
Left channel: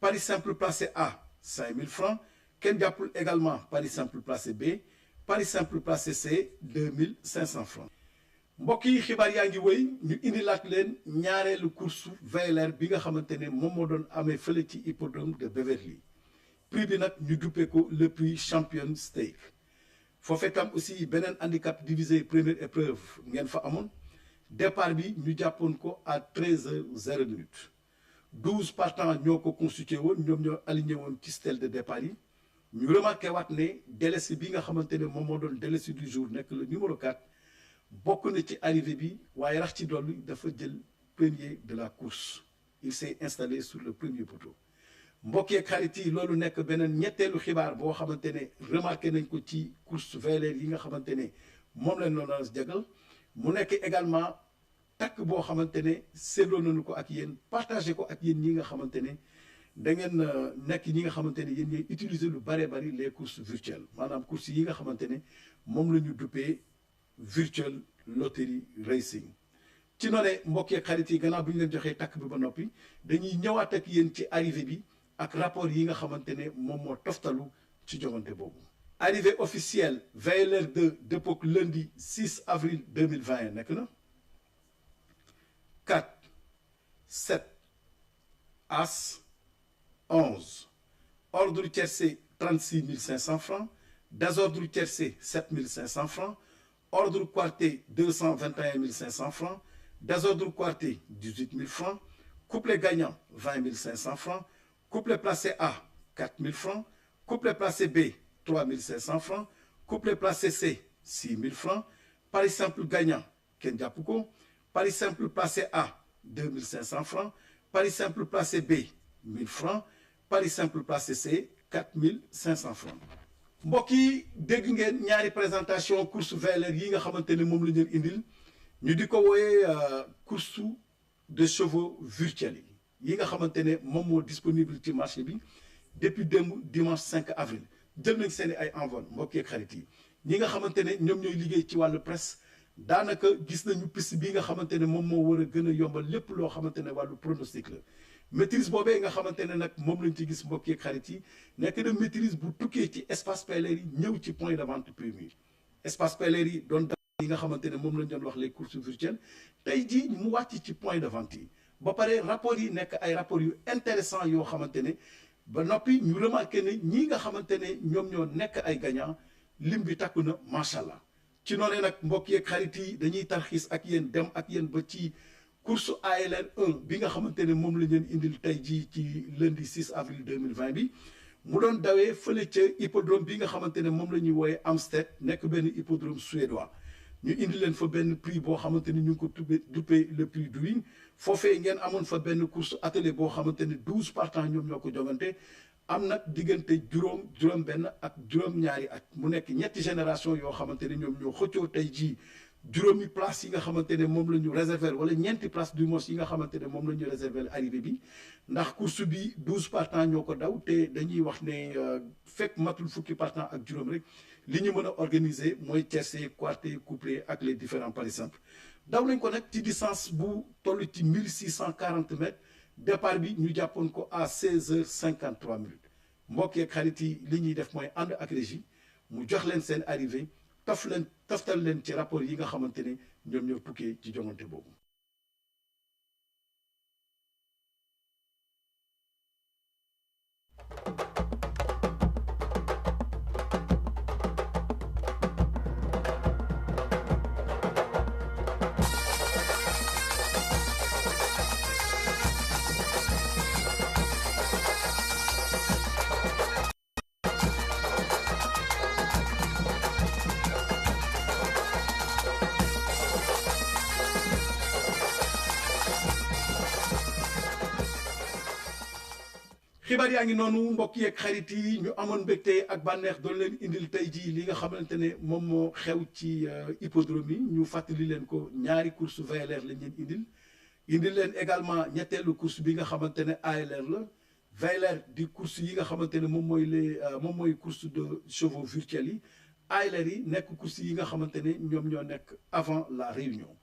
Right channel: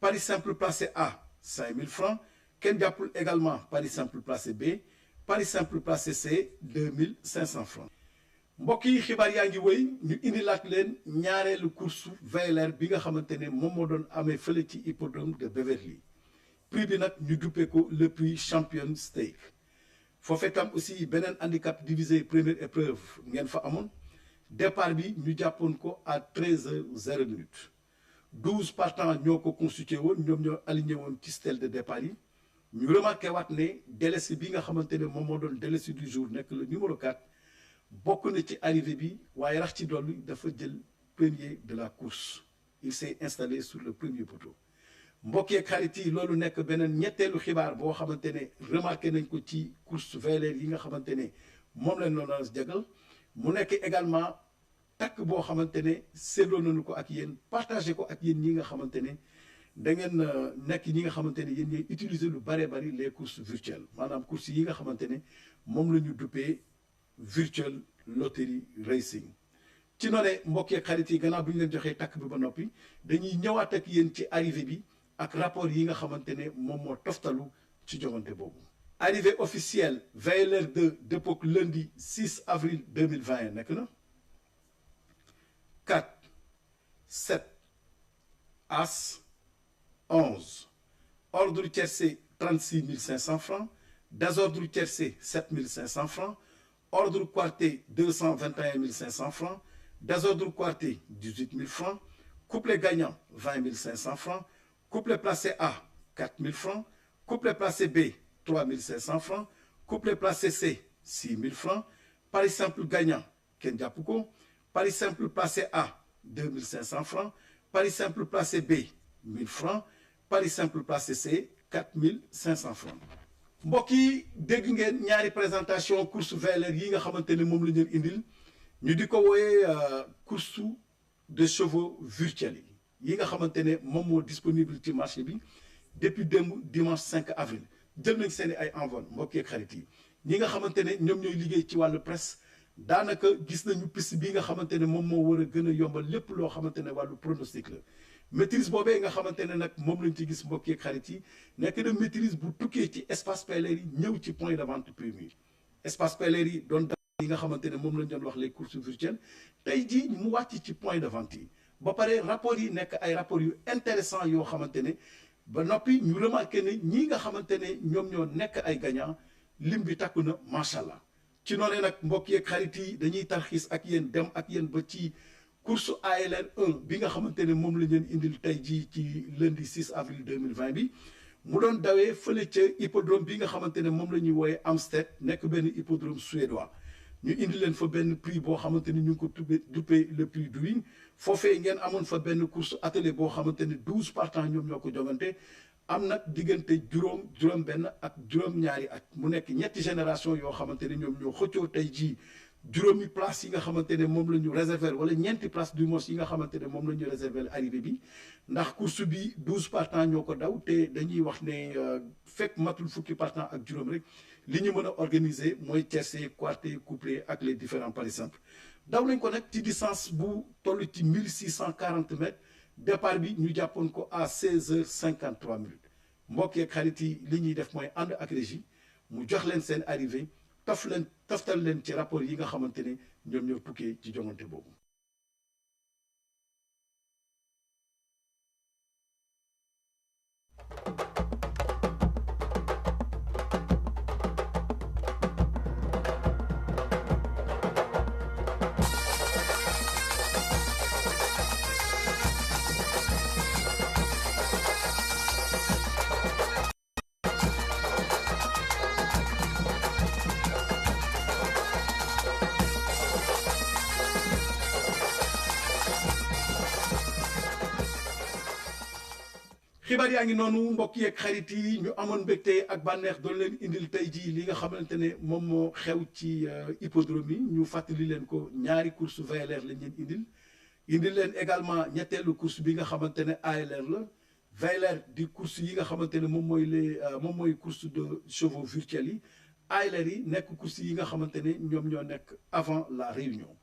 pari simple placé A 5 000 francs kenn jàppul également pari simple placé B pari simple placé C 2500 francs. mbokk yi xibaar yaa ngi wéy ñu indilaat leen ñaareelu course VLR bi nga xamante ne moom moo doon amee fële ci hippodrome de Beverly prix bi nag ñu duppee ko le prix champion stake foofee tam aussi beneen handicap divisé première épreuve ngeen fa amoon départ bi ñu jàppoon ko à 13h00 12 partants ñoo ko constitué woon ñoom ñoo aligné woon ci stèle de départ yi ñu remarqué waat ne délaissé bi nga xamante ne moom moo doon délaissé du jour nekk le numéro 4 bokk na ci arrivée bi waaye rax ci dolli dafa jël premier de la course il s'est installé sur le premier poteau mbokk yeeg xarit yi loolu nekk beneen ñetteelu xibaar boo xamante ne remarqué nañ ko ci course VLR yi nga xamante ne moom lañ doon jagal mu nekk également takk boo xamante ne seetloo nañu ko ak yéen partagé ko ak yéen ñi nga xamante ne da ngeen nekk ñi nga xamante ne yéen ñooy utiliser lu bare bari les courses virtuelles maanaam courses yi nga xamante ne moom la ñu duppee virtual lottery racing. ci noonu mbokk yeeg xarit yi gannaaw bi ñu leen joxee takk bi ba noppi dañuy ñëwaat ak yéen ci arrivée bi ak rapport yi nga xamante ne moom moo toftalu ci joŋante boobu. arrivée officielle VLR 2 dépôt lundi 6 avril 2021 nekk na 4 7 As 11 ordre tiercé 36 500 francs désordre tiercé 7 500 francs ordre quarté 221 500 francs désordre quarté 18 000 francs couplet gagnant 20 500 francs couplet placé A 4 000 francs couplet placé B 3 500 francs couplet placé C 6 000 francs pari simple gagnant kenn jàpp ko pari simple placé A 2 500 francs pari simple placé B 1000 francs pari simple placé C 4 500 francs. mbokk yi dégg ngeen ñaari présentation course VLR yi nga xamante ne moom la ñu indil ñu di ko wooyee course de chevaux virtuels yi nga xamante ne moom moo disponible ci marché bi depuis démb dimanche 5 avril jël nañ seen ay envol mbokk yeeg xarit yi ñi nga xamante ne ñoom ñooy liggéey ci wàllu presse daanaka gis nañu piste bi nga xamante ne moom moo war a gën a yombal lépp loo xamante ne wàllu pronostic la maîtrise boobee nga xamante ne nag moom lañ ci gis mbokk yeeg xarit yi nekk na maîtrise bu tukkee ci espace PLR yi ñëw ci point de vente PMU espace PLR yi doon yi nga xamante ne moom lañ doon wax les courses virtuelles tey jii mu wàcc ci point de vente yi ba pare rapport yi nekk ay rapport yu intéressant yoo xamante ne ba noppi ñu remarqué ne ñii nga xamante ne ñoom ñoo nekk ay gagnant lim bi takku na macha allah ci noonu nag mbokk yeeg xarit yi dañuy tarxiis ak yéen dem ak yéen ba ci course ALR 1 bi nga xamante ne moom la ñu leen indil tey jii ci lundi 6 avril 2020 bi mu doon dawee fële ca hippodrome bi nga xamante ne moom la ñuy wooyee Amstead nekk benn hippodrome suédois ñu indi leen fa benn prix boo xamante ni ñu ngi ko duppee le prix du win foofee ngeen amoon fa benn course atelier boo xamante ne 12 partants ñoom ñoo ko jogante am nag diggante juróom benn ak juróom-ñaari at mu nekk ñetti génération yoo xamante ne ñoom ñoo xëccoo tey jii juróomi place yi nga xamante ne moom la ñu réserver wala ñeenti place du mos yi nga xamante ne moom la ñu réserver arrivée bi ndax course bi 12 partants ñoo ko daw te dañuy wax ne fekk matul fukki partants ak juróom rek li ñu mën a organiser mooy tiercé quarté couplé ak les différents paris simples daw nañ ko nag ci distance bu toll ci 1640 mètres départ bi ñu jàppoon ko à 16h53 minutes mbokk yeeg xarit yi li ñuy def mooy ànd ak régie mu jox leen seen arrivée toftal leen ci rapport yi nga xamante ne ñoom ñoo tukkee ci joŋante boobu. xibaar yaa ngi noonu mbokk yeeg xarit yi ñu amoon mbégte ak bànneex doon leen indil tey jii li nga xamante ne moom moo xew ci hippodrome yi ñu fàttali leen ko ñaari course VLR lañ leen indil leen également ñetteelu course bi nga xamante ne ALR la VLR di course yi nga xamante ne moom mooy course de chevaux virtuels yi ALR yi nekk course yi nga xamante ne ñoom ñoo nekk avant la réunion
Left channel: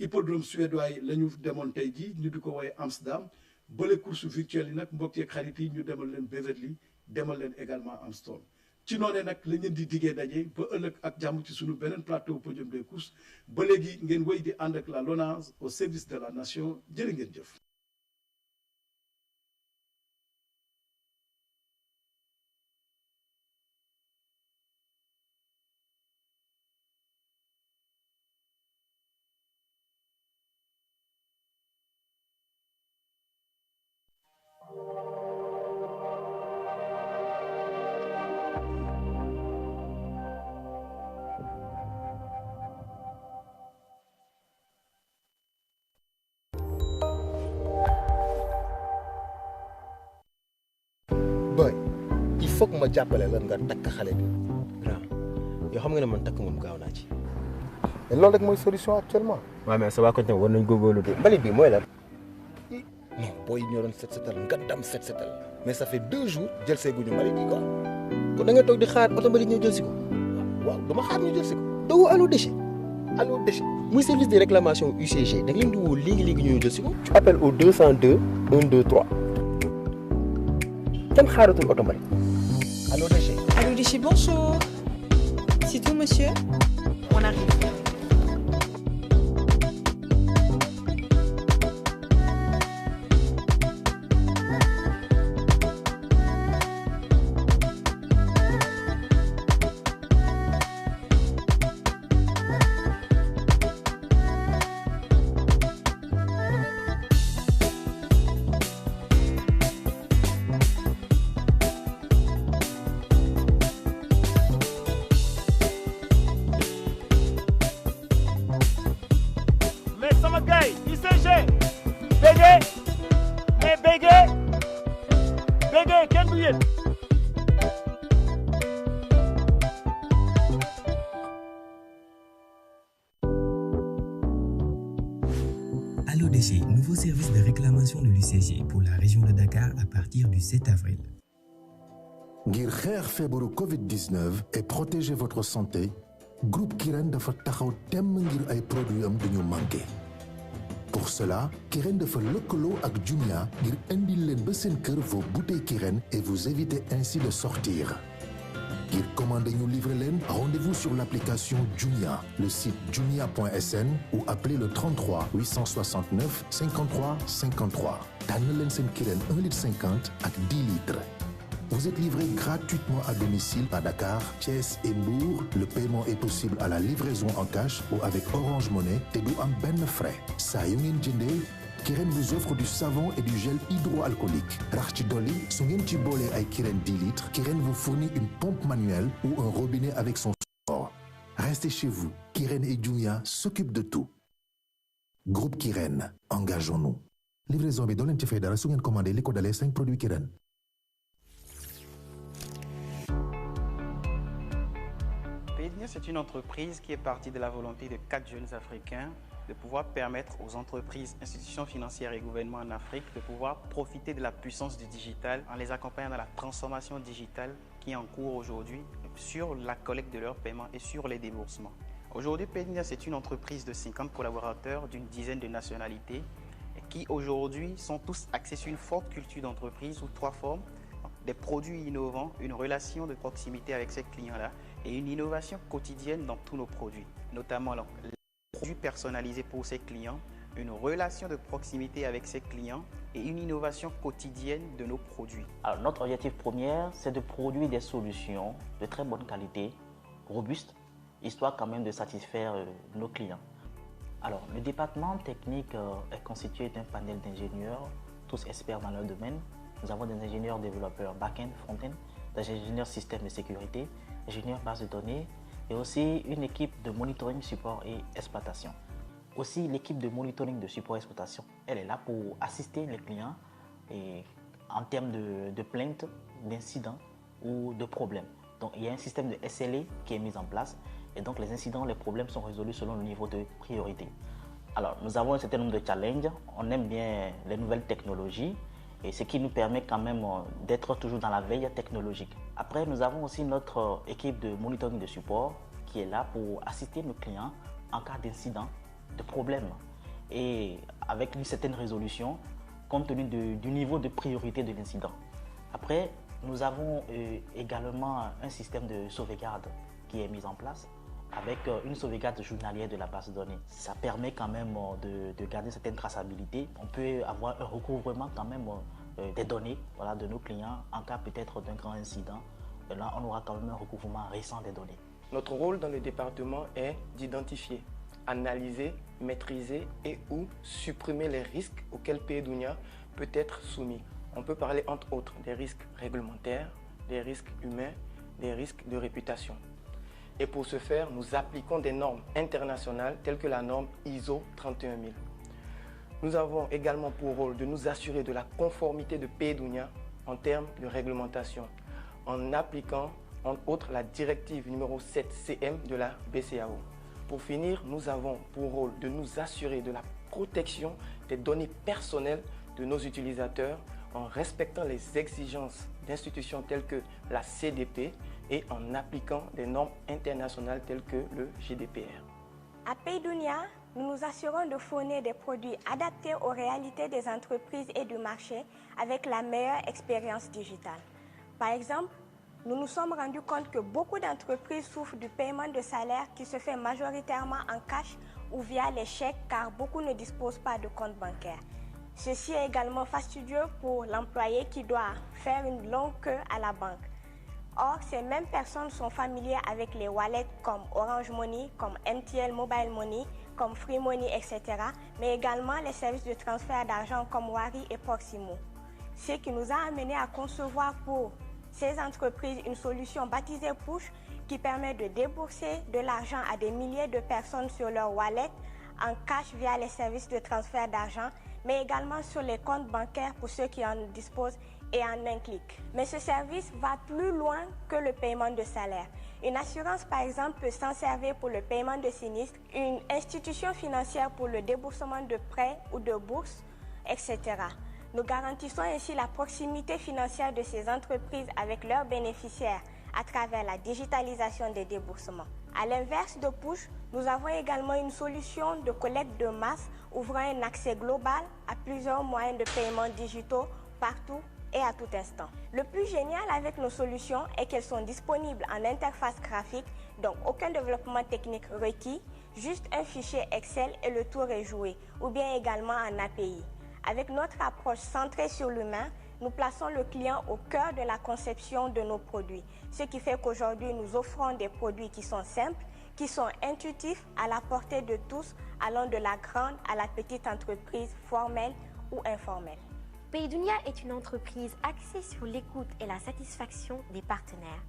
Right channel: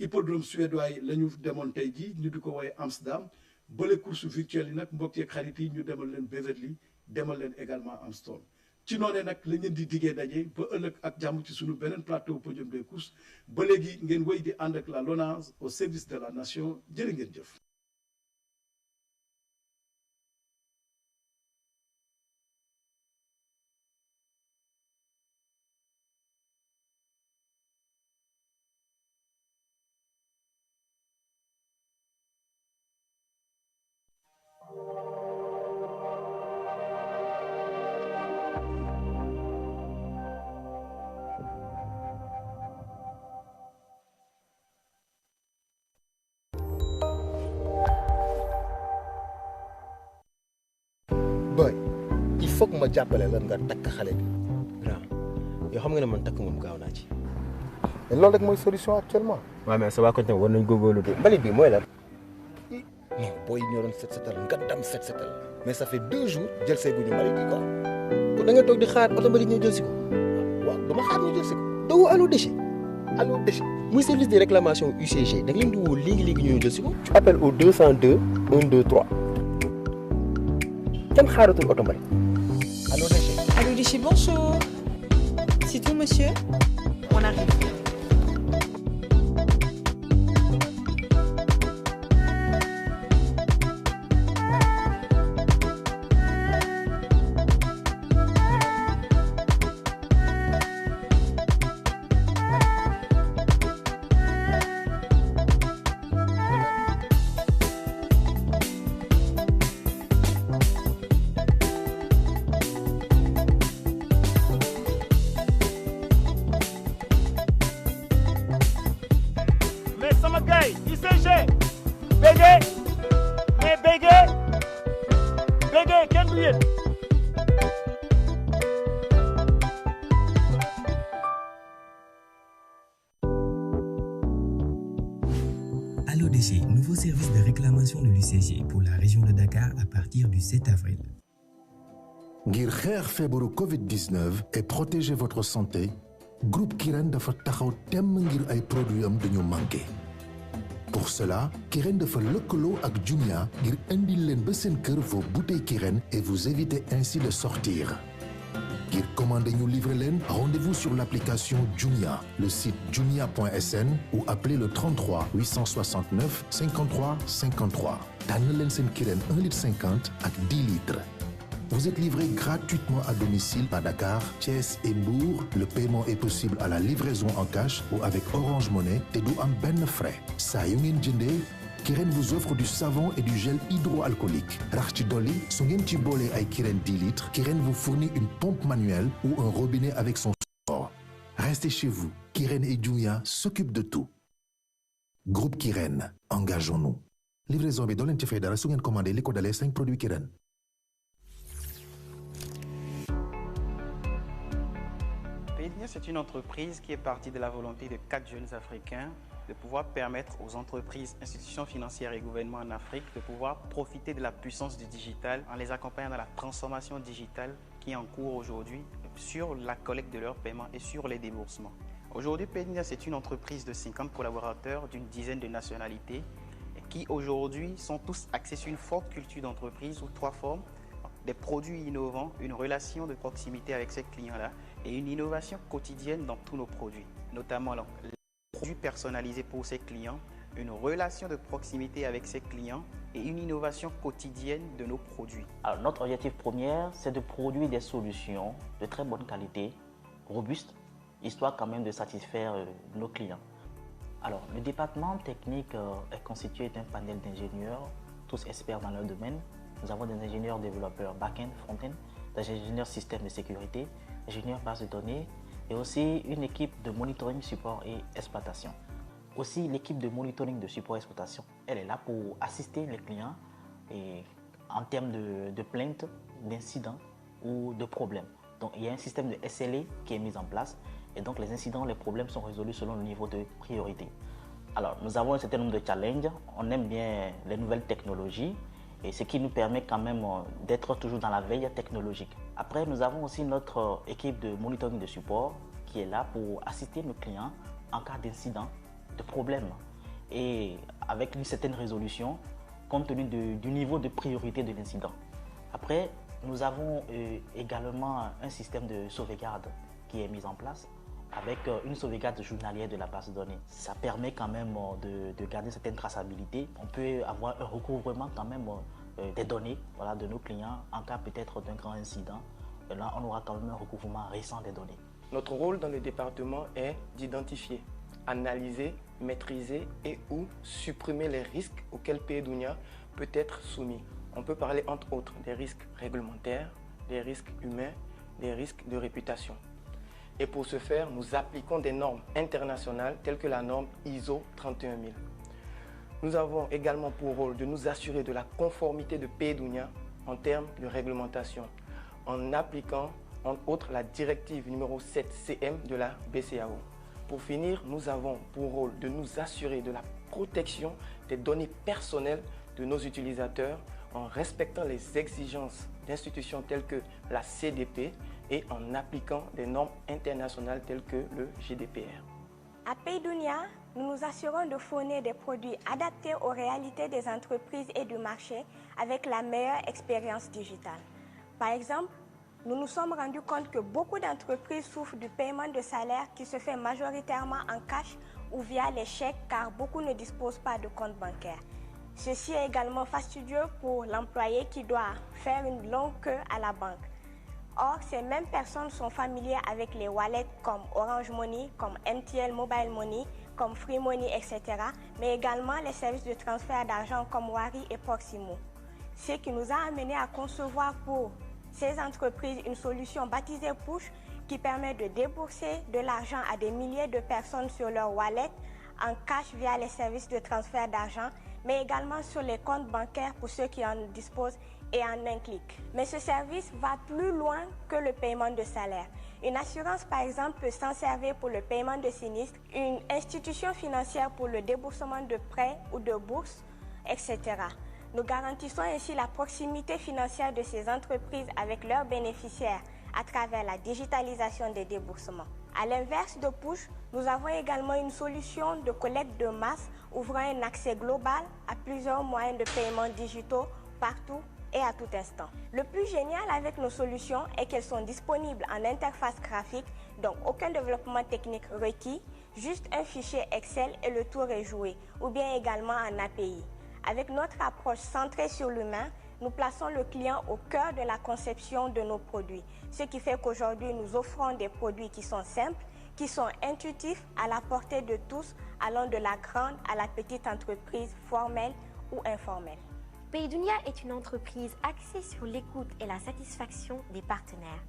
hippodrome suédois yi la ñu demoon tey jii ñu di ko woowee Amsterdam bële course virtuelle yi nag mbokk yeeg xarit yi ñu demal leen Beverly demal leen également am store ci noonee nag la ngeen di diggee daje ba ëllëg ak jàmm ci sunu beneen plateau podium des courses ba léegi ngeen wéy di ànd ak la LONASE au service de la nation jërë ngeen jëf. boy il faut que ma jàppale la nga takk xale bi grand yoo xam nga ne man takk moom gaaw naa ci mais loolu rek mooy solution actuellement. waaw mais sa waa côté war nañ góorgóorlu de mbalit bi mooy lan. non booy yi ñoo doon set setal nga dam set setal mais ça fait 2 jours jël see guñu mbalit yi quoi kon da nga toog di xaar oto mbalit ñëw jël si ko waaw dama xaar ñu jël si ko doo Allo Déchet Allo Déchet muy service de réclamation UCG da nga leen di woo léegi-léegi ñu jël si ko. tu appelles au 202 123 kenn xaaratul oto mbalit. Allo Déchet. Allo Déchet, bonjour. C'est tout, monsieur? On arrive. Allo Déchet, nouveau service de réclamation de l'UCG pour la région de Dakar à partir du 7 avril. ngir xeex feebaru Covid-19 et protéger votre santé groupe Kirène dafa taxaw temm ngir ay produits am duñu manqué. Pour cela Kirène dafa lëkkaloo ak Jumia ngir indil leen ba seen kër vos bouteilles Kirène et vous éviter ainsi de sortir. Ngir commander ñu livrer leen, rendez-vous sur l'application Jumia, le site jumia.sn ou appelez le 33 869 53 53. tànn leen seen Kirène 1,50 litre ak 10 litres. Vous êtes livré gratuitement à domicile à Dakar, Thiès et Mbour. Le paiement est possible à la livraison en cash ou avec Orange Money te du am benn frais. Saa yu ngeen jëndee, Kirène vous offre du savon et du gel hydroalcoolique. Rax ci dolli, su ngeen ci boolee ay Kirène 10 litres, Kirène vous fournit une pompe manuelle ou un robinet avec son support. Restez chez vous. Kirène et Jumia s'occupent de tout. Groupe Kirène, engageons-nous. Livraison bi doo leen ci fay dara su ngeen commandé li ko dalee 5 produits Kirène. Pédia, c'est une entreprise qui est partie de la volonté de 4 jeunes Africains de pouvoir permettre aux entreprises, institutions financières et gouvernements en Afrique de pouvoir profiter de la puissance du digital en les accompagnant dans la transformation digitale qui est en cours aujourd'hui sur la collecte de leurs paiements et sur les déboursements. Aujourd'hui, Pédia, c'est une entreprise de 50 collaborateurs d'une dizaine de nationalités qui aujourd'hui sont tous axés sur une forte culture d'entreprise sous 3 formes. Des produits innovants, une relation de proximité avec ces clients-là et une innovation quotidienne dans tous nos produits, notamment les produits personnalisés pour ces clients, une relation de proximité avec ces clients et une innovation quotidienne de nos produits. Alors, notre objectif premier, c'est de produire des solutions de très bonne qualité, robustes, histoire quand même de satisfaire nos clients. Alors, le département technique est constitué d'un panel d'ingénieurs, tous experts dans leur domaine. Nous avons des ingénieurs développeurs back-end, front-end, des ingénieurs systèmes de sécurité, ingénieurs bases de données et aussi une équipe de monitoring, support et exploitation. Aussi, l'équipe de monitoring, de support et exploitation, elle est là pour assister les clients et en termes de plaintes, d'incidents ou de problèmes. Donc, il y a un système de SLA qui est mis en place et donc les incidents, les problèmes sont résolus selon le niveau de priorité. Alors, nous avons un certain nombre de challenges. On aime bien les nouvelles technologies. Et ce qui nous permet quand même d'être toujours dans la veille technologique. Après, nous avons aussi notre équipe de monitoring de support qui est là pour assister nos clients en cas d'incident, de problème. Et avec une certaine résolution, compte tenu du niveau de priorité de l'incident. Après, Nous avons également un système de sauvegarde qui est mis en place avec une sauvegarde journalière de la base de données. Ça permet quand même de garder certaine traçabilité. On peut avoir un recouvrement quand même des données de nos clients en cas peut-être d'un grand incident. Et là, on aura quand même un recouvrement récent des données. Notre rôle dans le département est d'identifier, analyser, maîtriser et ou supprimer les risques auxquels Paydunia peut être soumis. On peut parler entre autres des risques réglementaires, des risques humains, des risques de réputation. Et pour ce faire, nous appliquons des normes internationales telles que la norme ISO 31000. Nous avons également pour rôle de nous assurer de la conformité de Paydunia en termes de réglementation, en appliquant entre autres la directive numéro 7 CM de la BCAO. Pour finir, nous avons pour rôle de nous assurer de la protection des données personnelles de nos utilisateurs en respectant les exigences d'institutions telles que la CDP et en appliquant des normes internationales telles que le GDPR. À Paydunia, nous nous assurons de fournir des produits adaptés aux réalités des entreprises et du marché avec la meilleure expérience digitale. Par exemple, nous nous sommes rendus compte que beaucoup d'entreprises souffrent du paiement de salaire qui se fait majoritairement en cash ou via les chèques car beaucoup ne disposent pas de compte bancaire. Ceci est également fastidieux pour l'employé qui doit faire une longue queue à la banque. Or, ces mêmes personnes sont familières avec les wallets comme Orange Money, comme MTL Mobile Money, comme Free Money, etc. mais également les services de transfert d'argent comme Wari et Proximo. Ce qui nous a amené à concevoir pour ces entreprises une solution baptisée Push qui permet de débourser de l'argent à des milliers de personnes sur leur wallet en cash via les services de transfert d'argent, mais également sur les comptes bancaires pour ceux qui en disposent et en un clic. Mais ce service va plus loin que le paiement de salaire. Une assurance, par exemple, peut s'en servir pour le paiement de sinistres, une institution financière pour le déboursement de prêts ou de bourses, etc. Nous garantissons ainsi la proximité financière de ces entreprises avec leurs bénéficiaires à travers la digitalisation des déboursements. À l'inverse de Push, nous avons également une solution de collecte de masse ouvrant un accès global à plusieurs moyens de paiement digitaux partout et à tout instant. Le plus génial avec nos solutions est qu'elles sont disponibles en interface graphique, donc aucun développement technique requis, juste un fichier Excel et le tour est joué, ou bien également en API. Avec notre approche centrée sur l'humain, nous plaçons le client au cœur de la conception de nos produits, ce qui fait qu'aujourd'hui nous offrons des produits qui sont simples, qui sont intuitifs, à la portée de tous, allant de la grande à la petite entreprise formelle ou informelle. Paydunia est une entreprise axée sur l'écoute et la satisfaction des partenaires.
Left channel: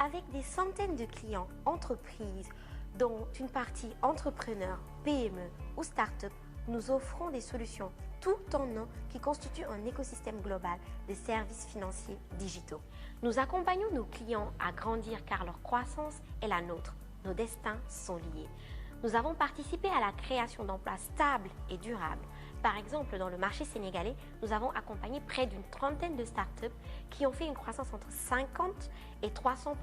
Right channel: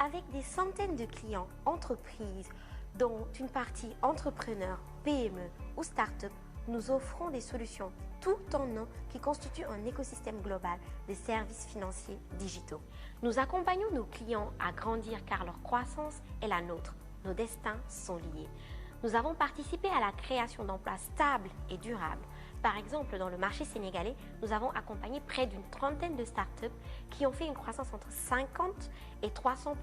Avec des centaines de clients entreprises, dont une partie entrepreneurs, PME ou start-up, nous offrons des solutions tout en un qui constituent un écosystème global de services financiers digitaux. Nous accompagnons nos clients à grandir car leur croissance est la nôtre. Nos destins sont liés. Nous avons participé à la création d'emplois stables et durables. Par exemple, dans le marché sénégalais, nous avons accompagné près d'une trentaine de startups qui ont fait une croissance entre 50 et 300%,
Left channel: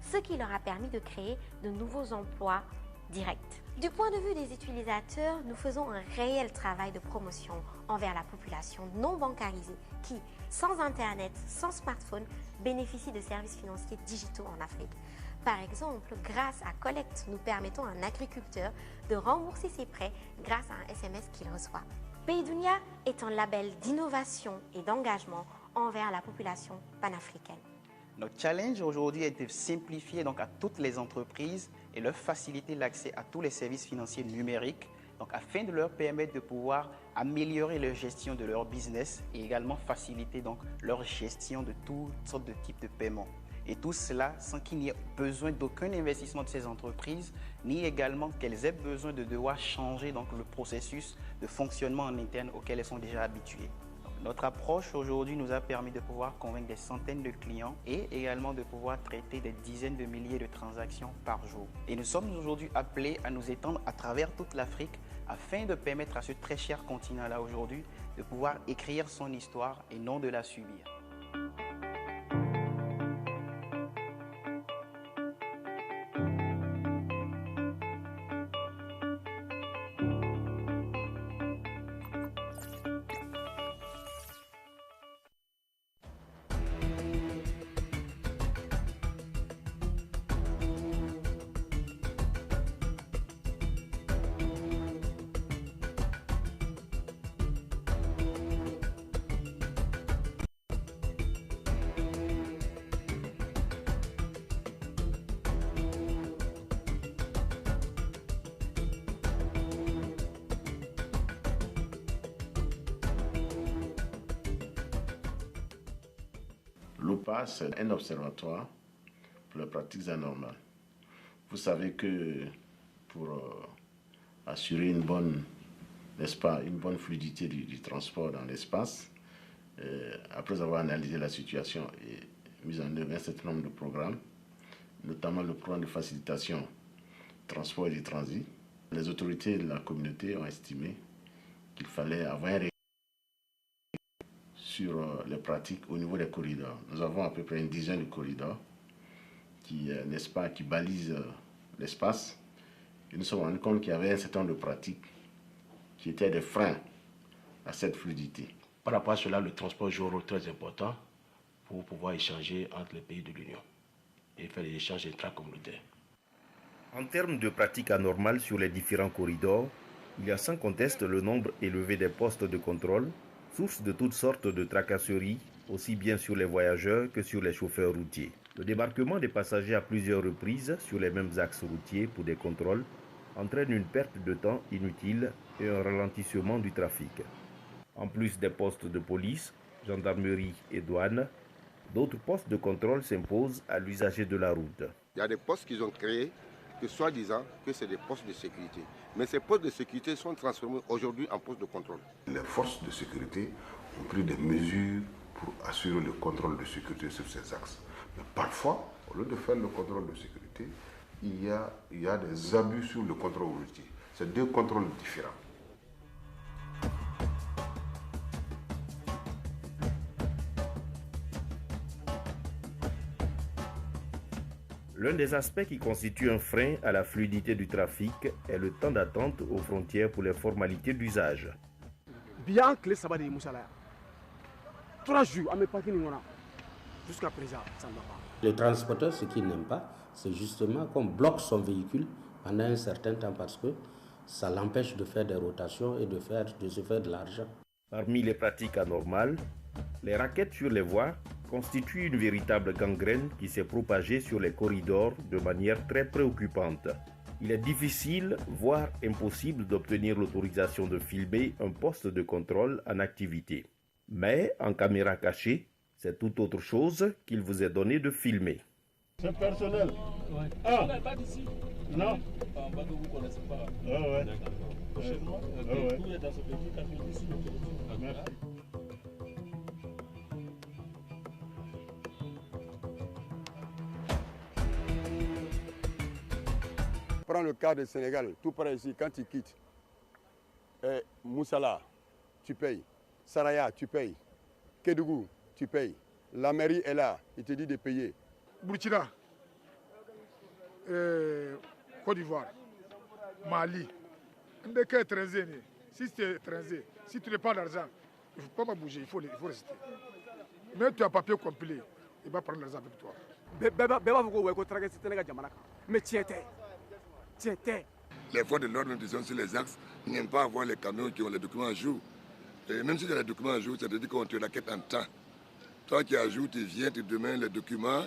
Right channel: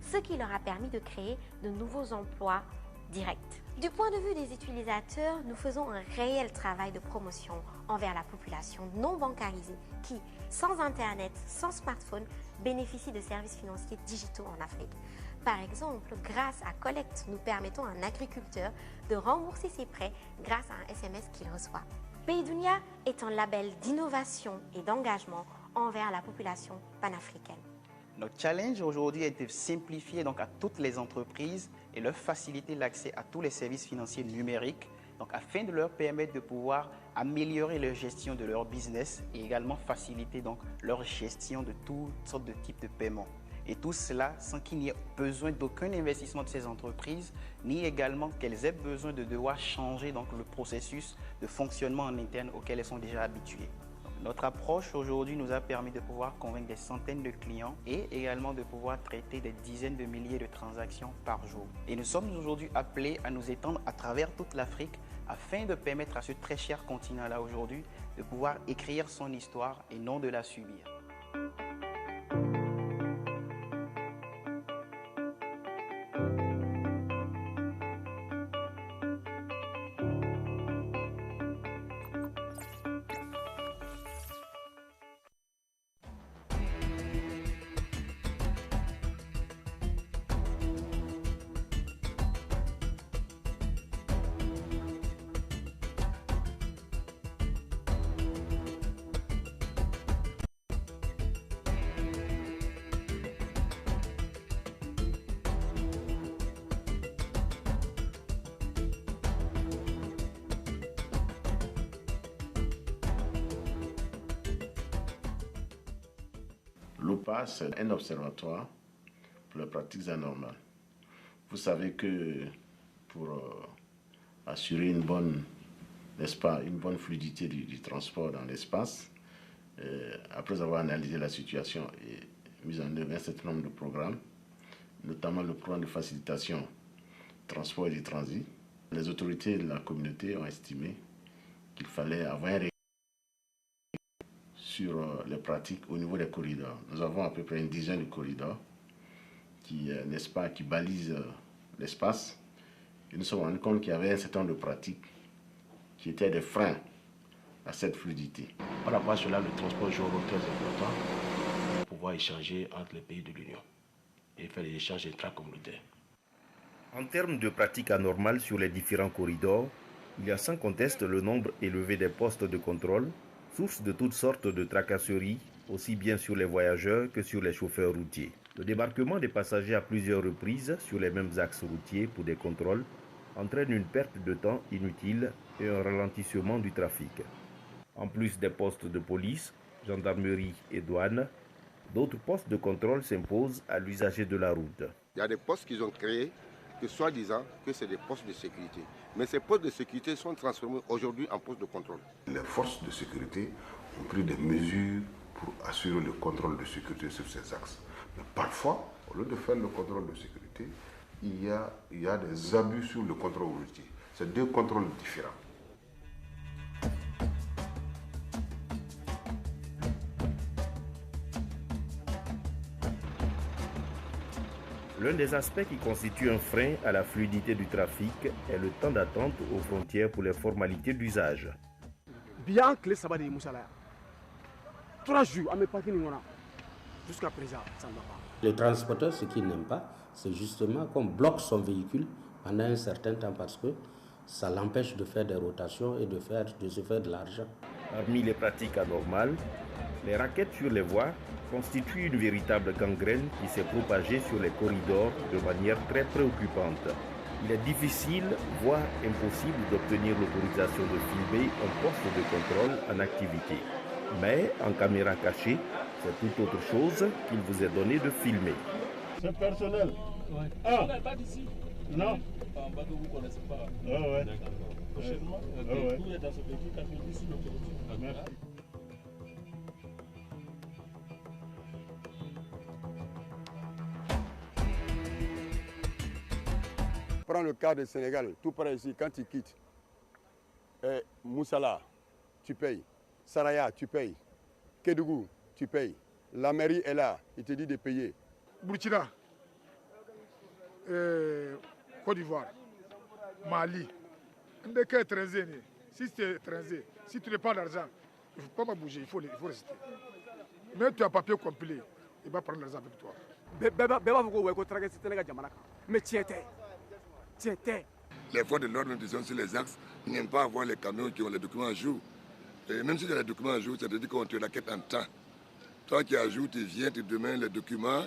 ce qui leur a permis de créer de nouveaux emplois directs. Du point de vue des utilisateurs, nous faisons un réel travail de promotion envers la population non bancarisée qui, sans Internet, sans smartphone, bénéficie de services financiers digitaux en Afrique. Par exemple, grâce à Collect, nous permettons à un agriculteur de rembourser ses prêts grâce à un SMS qu'il reçoit. Paydunia est un label d'innovation et d'engagement envers la population panafricaine. Notre challenge aujourd'hui est de simplifier donc à toutes les entreprises et leur faciliter l'accès à tous les services financiers numériques, donc afin de leur permettre de pouvoir améliorer leur gestion de leur business et également faciliter donc leur gestion de toutes sortes de types de paiements. Et tout cela sans qu'il n'y ait besoin d'aucun investissement de ces entreprises, ni également qu'elles aient besoin de devoir changer donc le processus de fonctionnement en interne auquel elles sont déjà habituées. Notre approche aujourd'hui nous a permis de pouvoir convaincre des centaines de clients et également de pouvoir traiter des dizaines de milliers de transactions par jour. Et nous sommes aujourd'hui appelés à nous étendre à travers toute l'Afrique afin de permettre à ce très cher continent-là aujourd'hui de pouvoir écrire son histoire et non de la subir. DEPA, c'est un observatoire pour les pratiques anormales. Vous savez que pour assurer une bonne, n'est-ce pas, une bonne fluidité du transport dans l'espace, après avoir analysé la situation et mis en œuvre un certain nombre de programmes, notamment le programme de facilitation transport et du transit, les autorités de la communauté ont estimé qu'il fallait avoir un règlement sur les pratiques au niveau des corridors. Nous avons à peu près une dizaine de corridors qui, n'est-ce pas, qui balisent l'espace. Et nous nous sommes rendus compte qu'il y avait un certain nombre de pratiques qui étaient des freins à cette fluidité. Par rapport à cela, le transport joue un rôle très important pour pouvoir échanger entre les pays de l'Union et faire des échanges intracommunautaires. En termes de pratiques anormales sur les différents corridors, il y a sans conteste le nombre élevé des postes de contrôle, source de toutes sortes de tracasseries, aussi bien sur les voyageurs que sur les chauffeurs routiers. Le débarquement des passagers à plusieurs reprises sur les mêmes axes routiers pour des contrôles entraîne une perte de temps inutile et un ralentissement du trafic. En plus des postes de police, gendarmerie et douane, d'autres postes de contrôle s'imposent à l'usager de la route. Il y a des postes qu'ils ont créés que soi-disant que c'est des postes de sécurité. Mais ces postes de sécurité sont transformés aujourd'hui en postes de contrôle. Les forces de sécurité ont pris des mesures pour assurer le contrôle de sécurité sur ces axes. Mais parfois, au lieu de faire le contrôle de sécurité, il y a des abus sur le contrôle routier. C'est deux contrôles différents. L'un des aspects qui constitue un frein à la fluidité du trafic est le temps d'attente aux frontières pour les formalités d'usage. Bien que les sabbats de Moussala, 3 jours à mes parties, jusqu'à présent, ça ne va pas. Le transporteur, ce qu'il n'aime pas, c'est justement qu'on bloque son véhicule pendant un certain temps parce que ça l'empêche de faire des rotations et de se faire de l'argent. Parmi les pratiques anormales, les raquettes sur les voies constituent une véritable gangrène qui s'est propagée sur les corridors de manière très préoccupante. Il est difficile, voire impossible d'obtenir l'autorisation de filmer un poste de contrôle en activité. Mais en caméra cachée, c'est tout autre chose qu'il vous est donné de filmer. C'est personnel. Ouais. Ah, pas d'ici. Non. En bas que vous ne connaissez pas. Ah ouais. Prochainement, tout est dans ce véhicule qui a fait ici. Merci. Prends le cas du Sénégal, tout près ici, quand tu quittes Moussala, tu payes. Saraya, tu payes. Kédougou, tu payes. La mairie est là, il te dit de payer. Burkina, Côte d'Ivoire, Mali. Si tu es étranger, si tu n'as pas d'argent, il ne faut pas bouger, il faut rester. Mais tu as un papier complet, il va prendre l'argent avec toi. Mais tu étais. Les forces de l'ordre disons sur les axes n'aiment pas avoir les camions qui ont les documents à jour. Et même si tu as les documents à jour, ça te dit qu'on te raquette en temps. Toi qui as jour, tu viens, tu demandes les documents,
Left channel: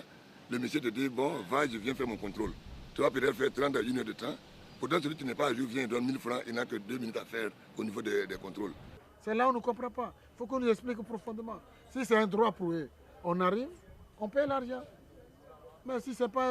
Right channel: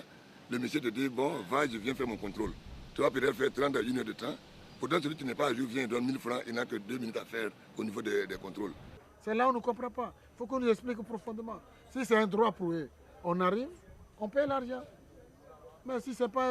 le monsieur te dit, bon, va, je viens faire mon contrôle. Tu vas peut-être faire 30 à 1 heure de temps. Pourtant, celui qui n'est pas à jour vient, il donne 1000 francs, il n'a que 2 minutes à faire au niveau des contrôles. C'est là où on ne comprend pas. Il faut qu'on nous explique profondément. Si c'est un droit pour eux, on arrive, on paye l'argent. Mais si ce n'est pas